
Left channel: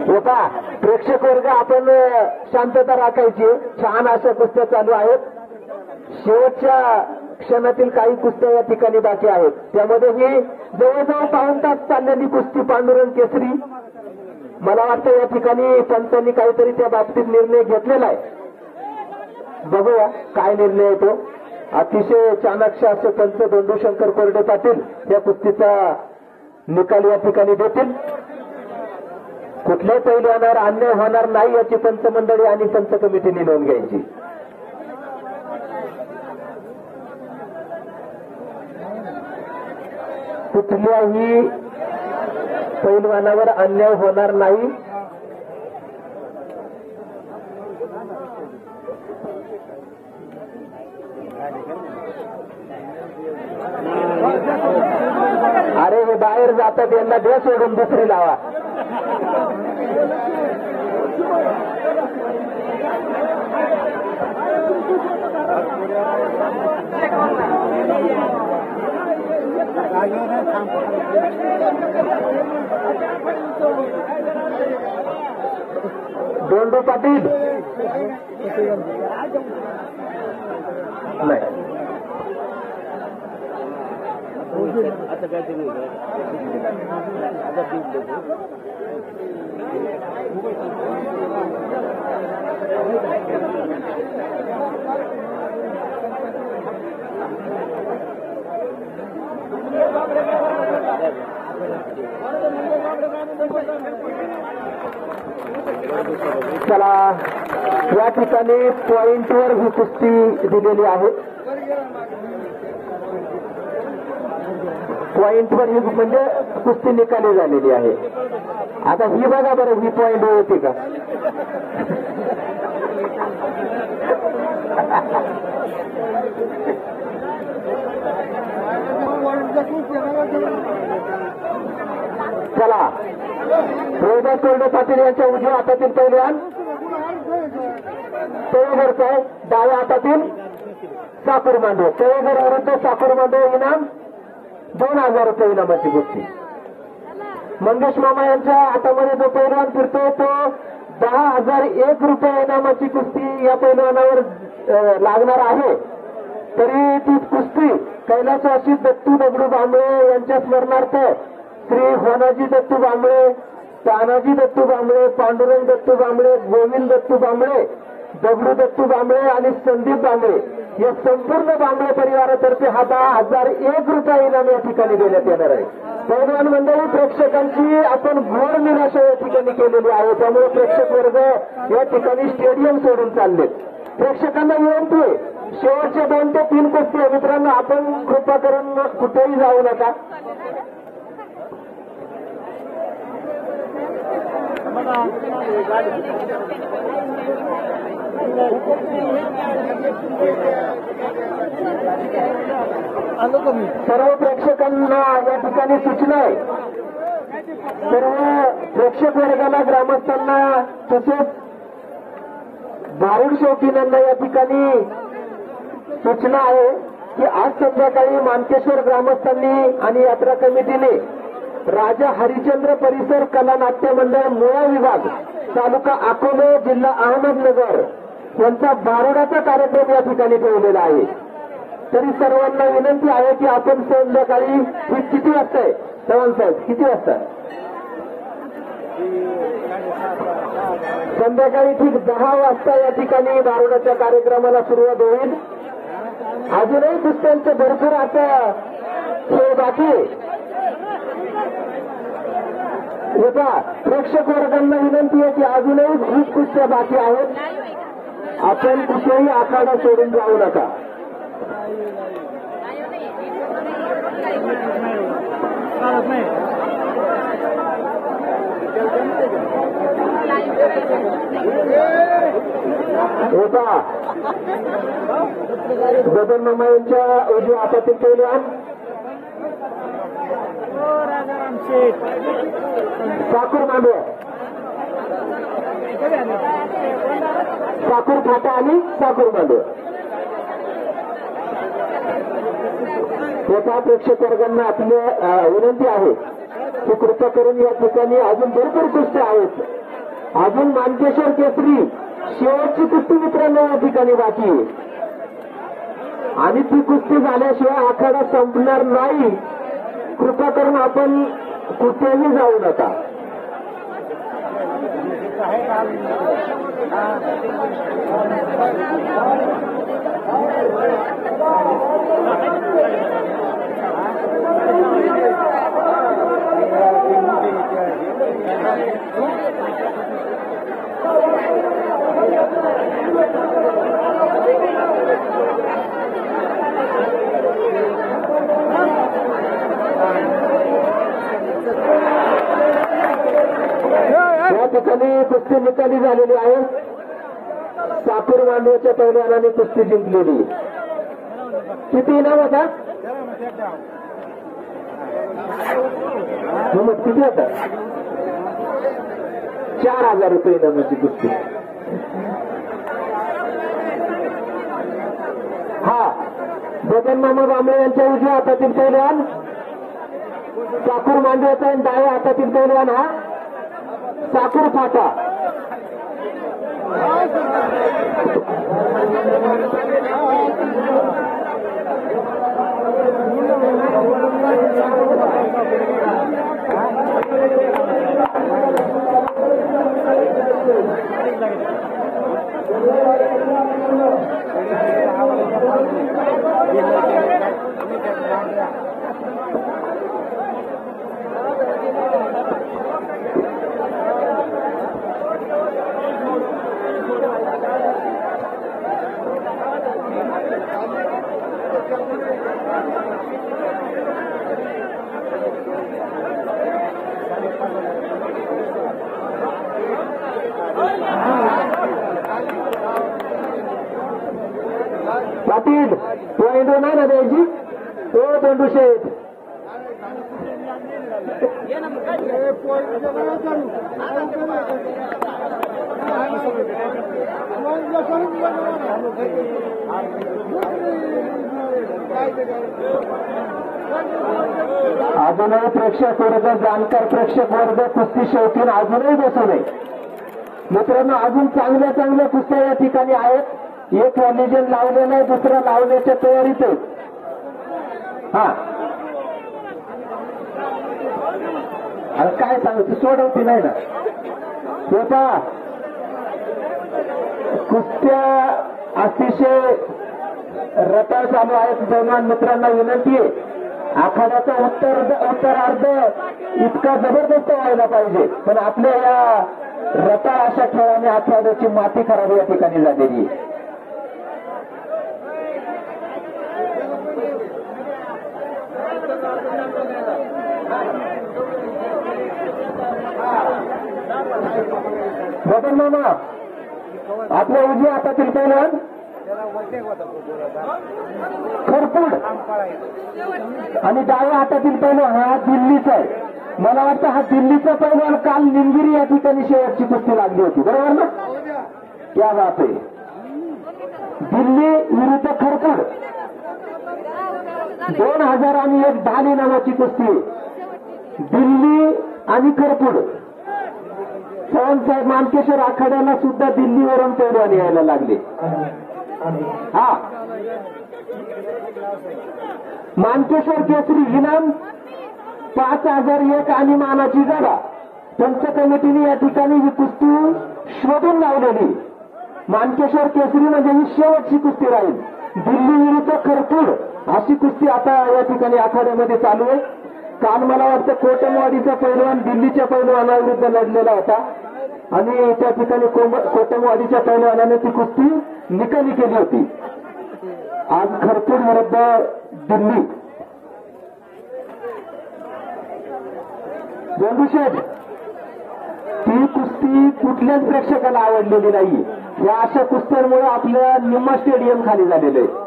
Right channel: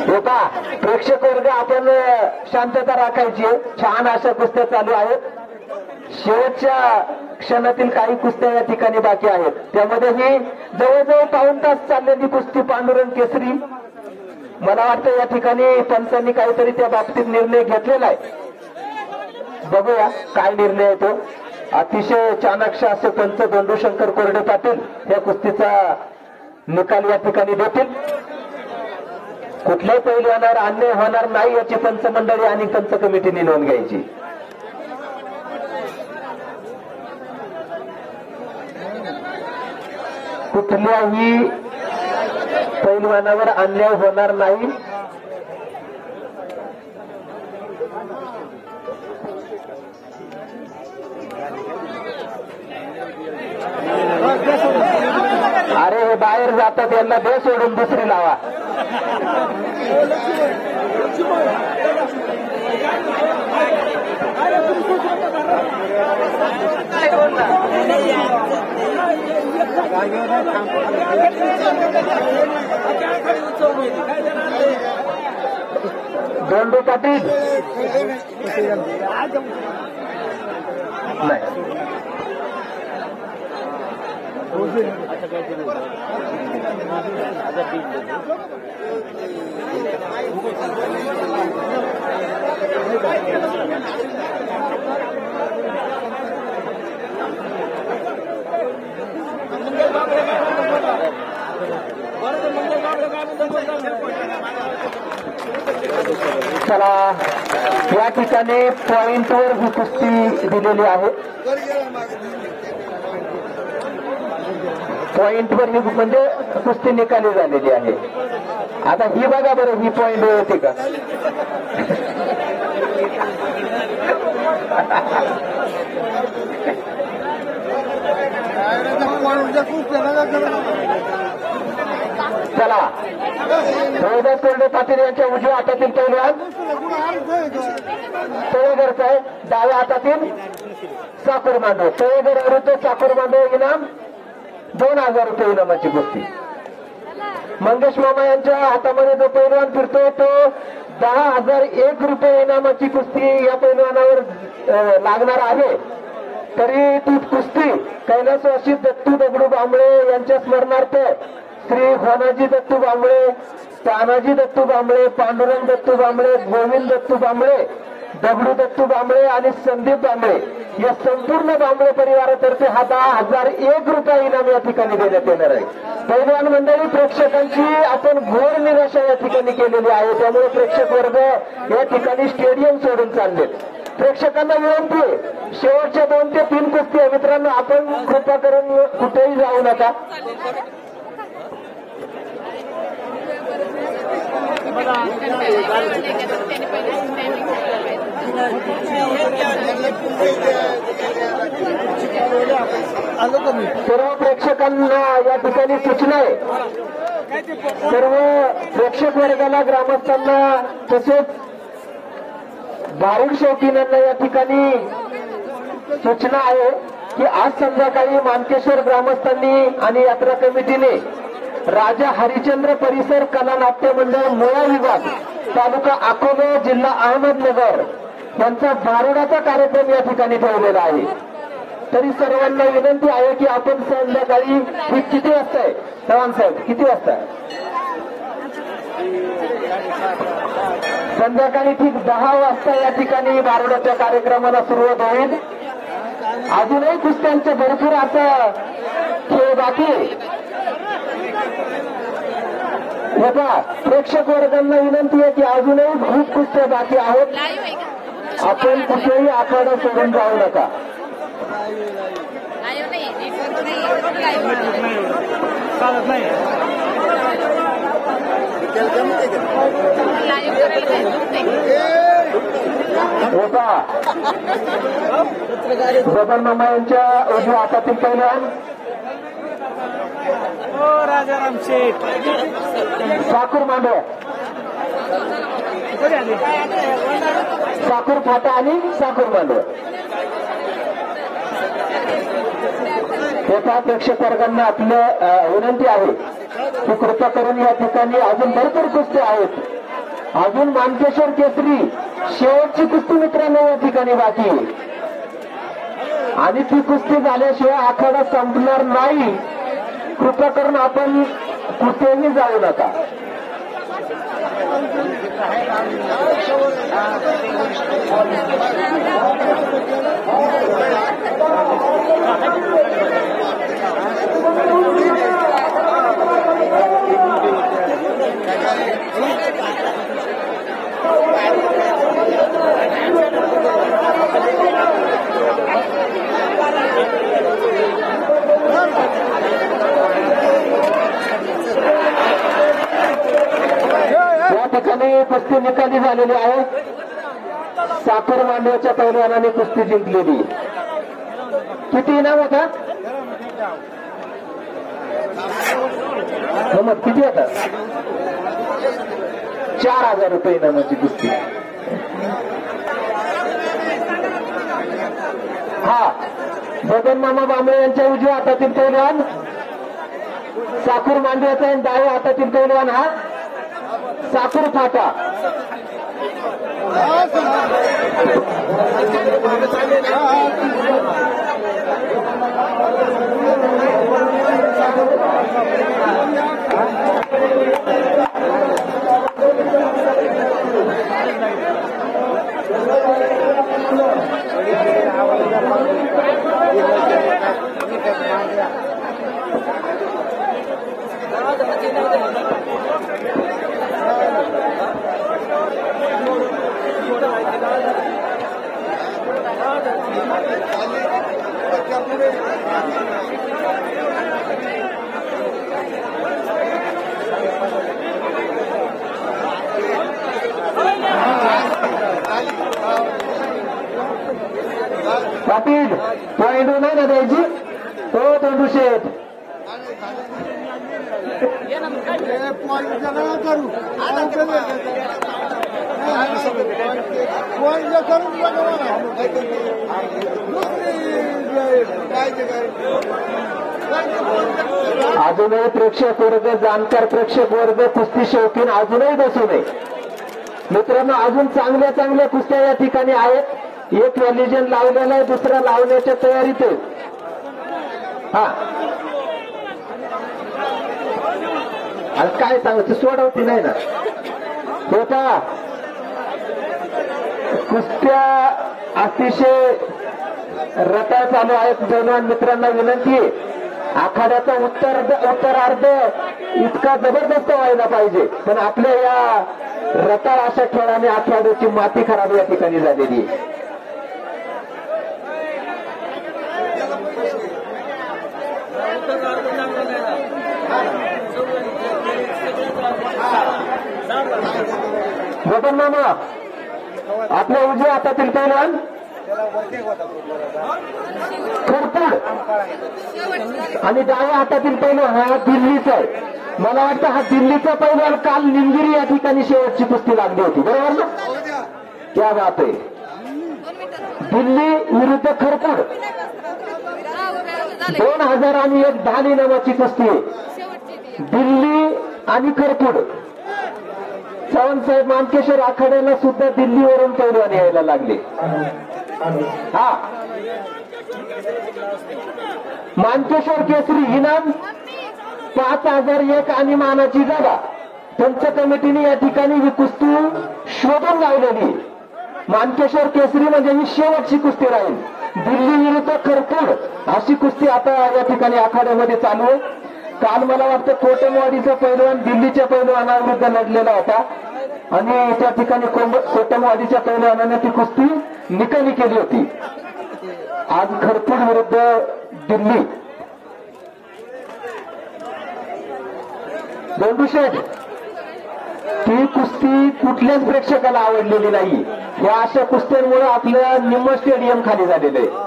होता प्रेक्षक वर्ग, आपण शांतता राखायची. छान अशा कुस्त्या चालू आहेत. शेवटच्या क्षणातील काही कुस्त्या या ठिकाणी बाकी आहेत. त्यामध्ये ही जवळजवळ पाऊण तास चाललेली कुस्ती पांडुरंग केसरी. मला वाटतं या ठिकाणी पंचांनी काहीतरी त्या बाबतीत निर्णय घेतलेला आहे. बघूया काय निर्णय येतो. अतिशय चाणाक्ष असे पंच दंडूशंकर कोरडे पाटील या कुस्तीचा निकाल या ठिकाणी देतील. कुठल्याही पैलवानावर अन्याय होणार नाही याची पंच मंडळी आणि पंच कमिटीने नोंद घ्यायची. कुठल्याही पैलवानावर अन्याय होणार नाही. अरे हे बाहेर जातात, यांना दे सोडून दुसरी लावा. दोंडू पाटील आता काहीतरी चला, या ठिकाणी पॉइंटवर ही कुस्ती दिलेली आहे. पॉइंटवर ही म्हणजे कुस्ती निकाली झालेली आहे. आता ही बघा बरं, ही पॉइंट होती का? चला, रोहिदास कोरडे पाटील यांच्या उजव्या हातातील पैलवान तळेघरचा आहे, डाव्या हातातील साखर मांडव. तळेघर विरुद्ध साखर मांडव इनाम 2000 रुपये इनामाची कुस्ती. मंगेश मामा यांच्या हातामध्ये जो पैलवान फिरतो तो 10,001 रुपये इनामाची कुस्ती या पैलवानावर लागणार आहे. तरी ती कुस्ती कैलासवासी दत्तू दगडू बांबळे यांच्या स्मरणार्थ श्री होनाजी दत्तू बांबळे, तानाजी दत्तू बांबळे, पांडुरंग दत्तू बांबळे, गोविंद दत्तू बांबळे, दगडू दत्तू बांबळे आणि संदीप बांबळे या संपूर्ण बांबळे परिवारातर्फे हा 10,001 रुपये इनाम या ठिकाणी देण्यात येणार आहे. पैलवान मंडळी, प्रेक्षकांची आपण घोर निराशा या ठिकाणी केलेली आहे. त्यामुळे प्रेक्षक वर्ग या ठिकाणी स्टेडियम सोडून चाललेत. प्रेक्षकांना विनंती आहे, शेवटचे 2 ते 3 कुस्ती आहे मित्रांनो, आपण कृपा करून कुठेही जाऊ नका. सर्व प्रेक्षकांना या ठिकाणी सूचना आहे. सर्व प्रेक्षक वर्गाला, ग्रामस्थांना तसेच भारूड शौकीनांना या ठिकाणी सूचना आहे की आज संध्याकाळी मानकेश्वर ग्रामस्थांनी आणि यात्रा कमिटीने राजा हरिश्चंद्र परिसर कला नाट्य मंडळ मोळा विभाग तालुका अकोले जिल्हा अहमदनगर यांचा भारुडाचा कार्यक्रम या ठिकाणी ठेवलेला आहे. तरी सर्वांना विनंती आहे की आपण संध्याकाळी ही किती वाजता आहे चव्हाण साहेब, किती वाजता? संध्याकाळी ठीक 10 वाजता या ठिकाणी बारोडाच्या कार्यक्रमाला सुरुवात होईल. अजूनही कुस्त्यांचे भरपूर असं खेळ बाकी आहे. प्रेक्षक वर्गांना विनंती आहे की अजूनही खूप कुस्त्या बाकी आहेत. आपण कुठेही आखाडा सोडून जाऊ नका. चालत नाही. गोपन मामा यांच्या उजव्या हातातील पहिलवान राजाराम शेठ साकूर मांडव, साकूर फाटा आणि साकूर मांडव. तेव्हा प्रेक्षक वर्गांना आपल्या विनंती आहे की कृपा करून या ठिकाणी अजून भरपूर कुस्त्या आहेत. अजून मानकेश्वर केसरी शेवटची कुस्ती मित्रांनो या ठिकाणी बाकी आहे आणि ती कुस्ती झाल्याशिवाय आखाडा संपणार नाही. कृपा करून आपण कुठेही जाऊ नका. कुस्ती निकाली झालेली आहे. साखर मांडव्याच्या पैलवानाने कुस्ती जिंकलेली. किती इनाम होता? किती होता? 4,000 रुपये इनामाची कुस्ती. हा बबन मामा बांबळे यांच्या उजव्या हातातील पैलवान साखर मांडव्याचा आणि डाव्या हातातील पैलवान हा साखर फाटा. पाटील पॉइंट नाही ना द्यायची. हो तोंडू शेठ अजूनही प्रेक्षक वर्ग जाणकार प्रेक्षक वर्ग कुस्ती शौकीन अजूनही बसू नये मित्रांनो. अजून चांगल्या चांगल्या कुस्त्या या ठिकाणी आहेत. एक रिलिजन लावलेलं आहे, दुसरं लावण्याच्या तयारीत आहे. हा काय सांगायचं सोडवती नाही ना. होता कुस्त्या अतिशय रटा चालू आहेत. दोन मित्रांना विनंती आहे आखाड्याचा उत्तरार्ध इतका जबरदस्त व्हायला पाहिजे, पण आपल्या या रटाळ अशा खेळाने आखाड्याची माती खराब या ठिकाणी झालेली आहे. गोपन मामा आपल्या उजव्या हातातील पैलवान खरपूड आणि डाव्या हातातील पैलवान हा दिल्लीचा आहे. मला वाटतं हा दिल्लीचा पैलवान काल निमगिरी या ठिकाणी शेवटची कुस्ती लागली होती, बरोबर ना? क्या बात आहे. दिल्ली विरुद्ध खरपूड 2001 ढाल इनामाची कुस्ती. दिल्ली आणि खरपूड. चव्हाणसाहेब मानकेश्वर आखाड्याला सुद्धा दिल्लीवरून पैलवान यायला लागले. हा मानकेश्वर केसरी इनाम 5,001 आणि मानाची जागा. पंच कमिटीने या ठिकाणी ही कुस्ती शोधून लावलेली मानकेश्वर केसरी म्हणजे ही शेवटची कुस्ती राहील. दिल्ली विरुद्ध खरपूड अशी कुस्ती आता या ठिकाणी आखाड्यामध्ये चालू आहे. काल मला वाटतं कोटमवाडीचा पैलवान दिल्लीच्या पैलवानाविरुद्ध लढलेला होता आणि त्या ठिकाणी कोटमवाडीच्या पैलवानाने ती कुस्ती निकाली केली होती. आज खरपूड विरुद्ध दिल्ली. दोंडूशेठ, ती कुस्ती कुठल्याच प्रेक्षकाला आवडलेली नाही. या अशा कुस्त्यांमुळे आपलं निम्म स्टेडियम खाली झालेलं आहे.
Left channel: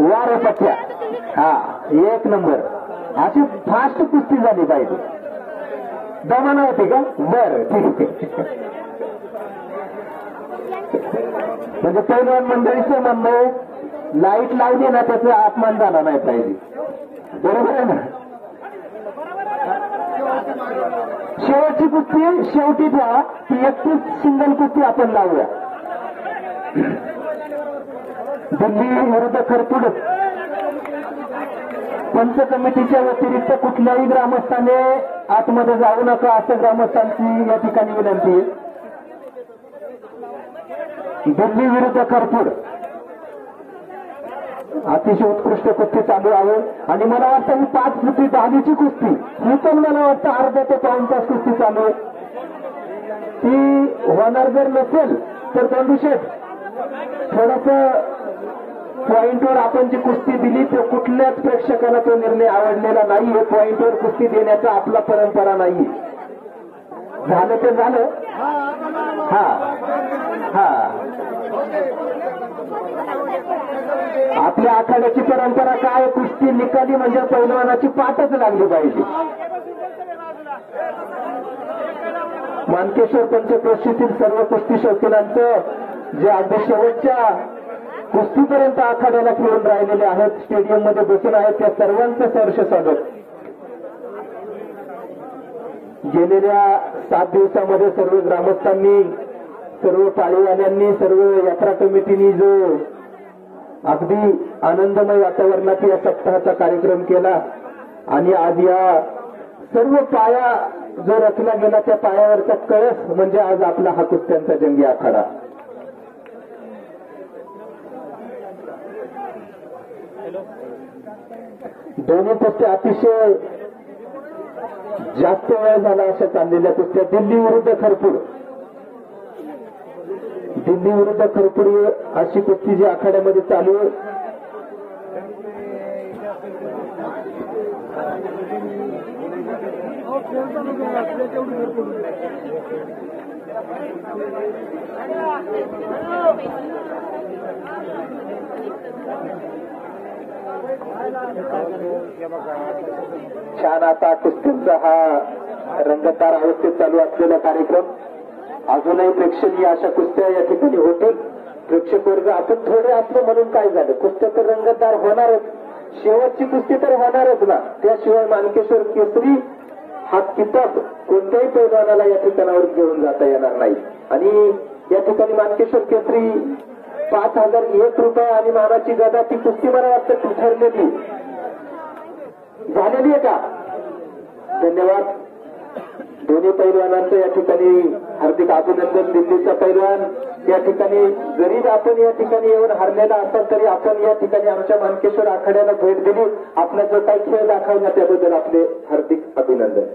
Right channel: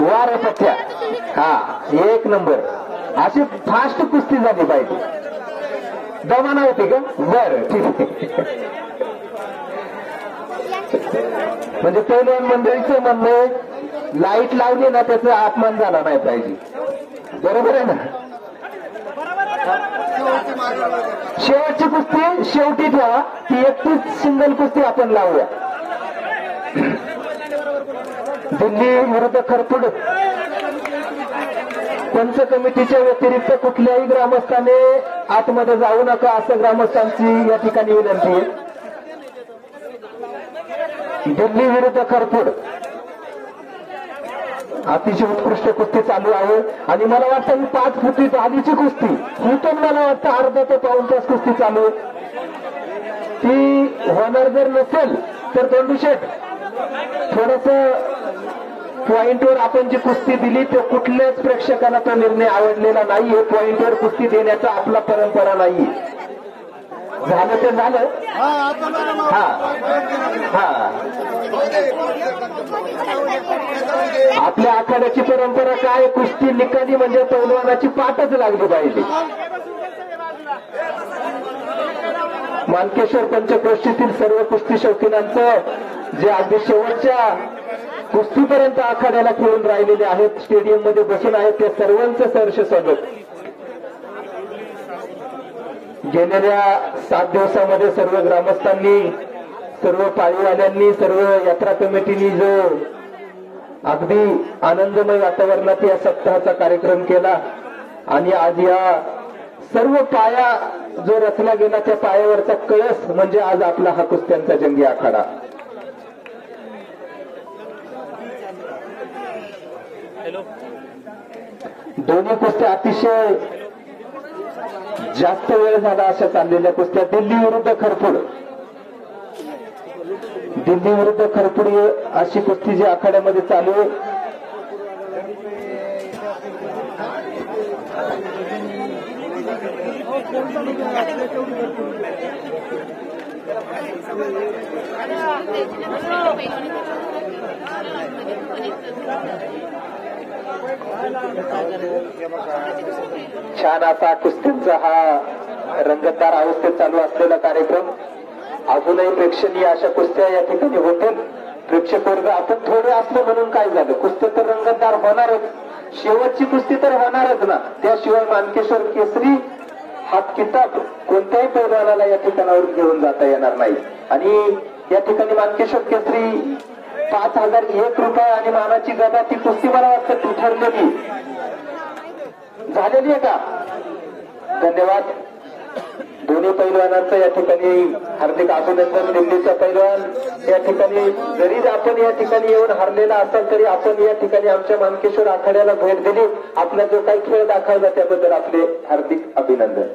वार पथ्या, हा एक नंबर. अशी फास्ट कुस्ती झाली पाहिजे. दमाना होते का? बरं, ठीक आहे. म्हणजे पैलवान मंडळीचं म्हणणं आहे लाईट लावली ना त्याचा अपमान झाला नाही पाहिजे. बरोबर आहे ना? शेवटची कुस्ती शेवटी ठेवा, ती एकटीच सिंगल कुस्ती आपण लावूया. दिल्ली विरुद्ध खरपूड. पंच कमिटीच्या व्यतिरिक्त कुठल्याही ग्रामस्थाने आतमध्ये जाऊ नका असं ग्रामस्थांची या ठिकाणी विनंती आहे. दिल्ली विरुद्ध खरपूड अतिशय उत्कृष्ट कुस्ती चालू आहे आणि मला वाटतं ही 5 फुटी आधीची कुस्ती ही पण मला वाटतं अर्धा ते पाऊण तास कुस्ती चालू आहे. ती होणार जर नसेल तर दोंडूशेठ थोडस पॉइंटवर आपण जी कुस्ती दिली तो कुठल्याच प्रेक्षकांना तो निर्णय आवडलेला नाहीये. पॉइंटवर कुस्ती देण्याचा आपला परंपरा नाही. झालं ते झालं. हा हा, आपल्या आखाड्याची परंपरा काय? कुस्ती निकाली म्हणजे पैलवानाची पाठच लागली पाहिजे. मानकेश्वर पंचक्रोशीतील सर्व कुस्ती शौकीनांचं जे अगदी शेवटच्या कुस्तीपर्यंत आखाड्याला खेळून राहिलेले आहेत, स्टेडियम मध्ये बसून आहेत, त्या सर्वांचं सहर्ष स्वागत. गेलेल्या 7 दिवसामध्ये सर्व ग्रामस्थांनी, सर्व पाळीवाल्यांनी, सर्व यात्रा कमिटीनी जो अगदी आनंदमय वातावरणात या सप्ताहाचा कार्यक्रम केला आणि आज या सर्व पाया जो रचला गेला त्या पायावरचा कळस म्हणजे आज आपला हा कुस्त्यांचा जंगी आखाडा. दोन्ही कुस्त्या अतिशय जास्त वेळ झाला अशा चाललेल्या कुस्त्या. दिल्ली विरुद्ध खरपूड. दिल्ली विरुद्ध खरपूड अशी कुस्ती जी आखाड्यामध्ये चालू आहे. छान असा कुस्तीचा हा रंगतदार अवस्थेत चालू असलेला कार्यक्रम. अजूनही प्रेक्षणीय अशा कुस्त्या या ठिकाणी होतील. प्रेक्षक वर्ग आपण थोडे असलो म्हणून काय झालं, कुस्त्या तर रंगतदार होणारच. शेवटची कुस्ती तर होणारच ना. त्याशिवाय मानकेश्वर केसरी हा किताब कोणत्याही पैलवानाला या ठिकाणावर घेऊन जाता येणार नाही. आणि या ठिकाणी मानकेश्वर केसरी 5,001 रुपये आणि मामाची गदा ती कुस्ती मला वाटतं ठरलेली झालेली आहे का? धन्यवाद. दोन्ही पैलवानांचं या ठिकाणी हार्दिक अभिनंदन. दिल्लीचा पैलवान या ठिकाणी जरी आपण या ठिकाणी येऊन हरलेला असाल तरी आपण या ठिकाणी आमच्या मानकेश्वर आखाड्याला भेट दिली, आपला जो काही खेळ दाखवला त्याबद्दल आपले हार्दिक अभिनंदन.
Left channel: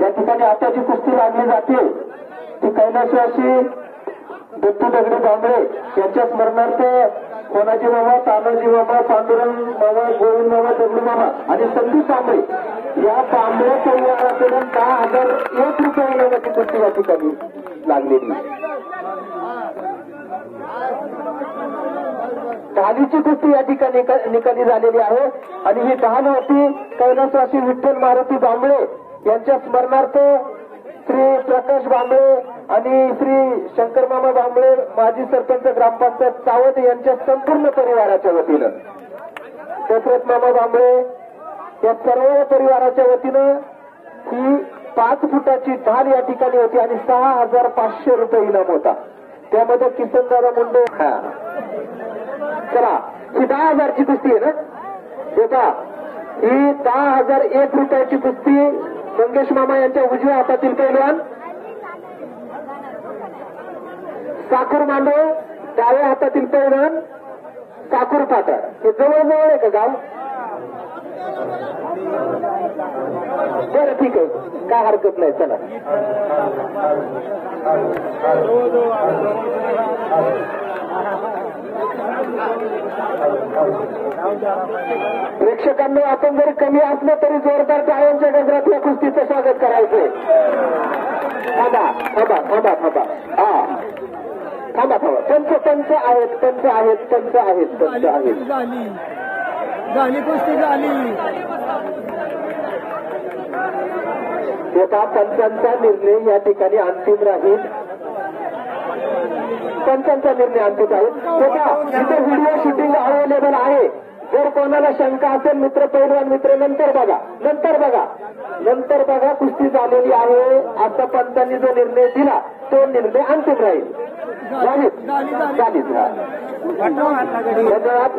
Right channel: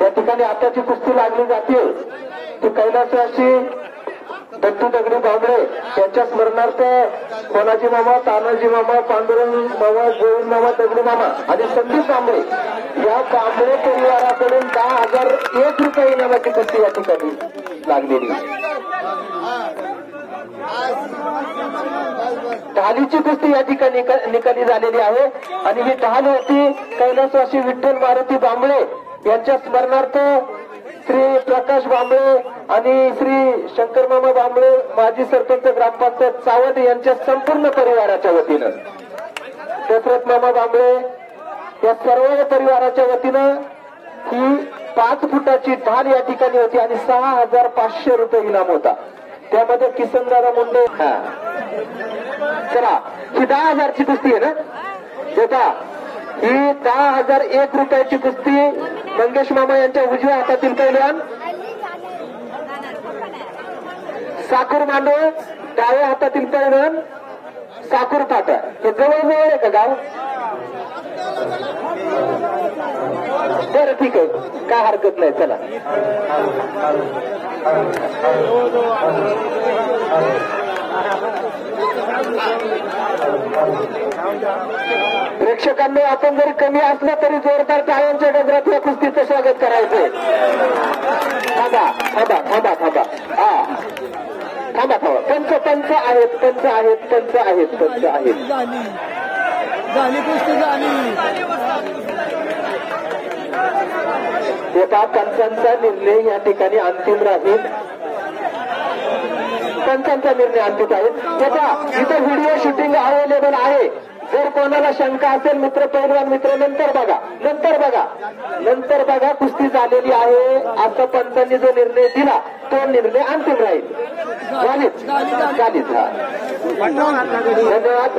या ठिकाणी आता जी कुस्ती लागली जाते ती कैलासवासी दत्तू दगडी भांबळे यांच्या स्मरणार्थ कोणाजी मामा, तानाजी मामा, पांडुरंग मामा, गोविंद मामा, दगडू मामा आणि संदीप कांबळे या कांबळे परिवाराकडून 10,001 रुपये इनामाची कुस्ती या ठिकाणी लागलेली. ढालीची कुस्ती या ठिकाणी निकाली झालेली आहे आणि ही ढाल होती कैलासवासी विठ्ठल मारुती बांबळे यांच्या स्मरणार्थ श्री प्रकाश बांबळे आणि श्री शंकर मामा बांबळे माजी सरपंच ग्रामपंचायत सावध यांच्या संपूर्ण परिवाराच्या वतीनं, दशरथ मामा बांबळे या सर्व परिवाराच्या वतीनं ही 5 फुटाची ढाल या ठिकाणी होती आणि 6,500 रुपये इनाम होता. त्यामध्ये किसनदारा मुंडे. चला, ही 10,000ची कुस्ती आहे ना बेटा, ही 10,001 रुपयाची कुस्ती. मंगेश मामा यांच्या उजव्या हातातील पैलवान साखर मांडव, डाव्या हातातील पैलवान साखर फाटा. हे जवळजवळ आहे का गाव? बरं ठीक आहे, काय हरकत नाही. चला, प्रेक्षकांनी आपण जरी कमी असले तरी जोरदार टाळ्यांच्या गजरात या कुस्तीचं स्वागत करायचंय. थांबा थांबा थांबा थांबा हा थांबा थांबा. पंच आहेत, पंच आहेत, पंच आहेत, पंच आहेत. झाली कुस्ती झाली. एका पंचांचा निर्णय या ठिकाणी अंतिम राहील. पंचांचा निर्णय अंतिम राहील. इथे व्हिडिओ शूटिंग अवेलेबल आहे. जर कोणाला शंका असेल मित्र, पैलवान मित्र, नंतर बघा कुस्ती झालेली आहे असं पंचांनी जो निर्णय दिला तो निर्णय अंतिम राहील. झालीच. धन्यवाद.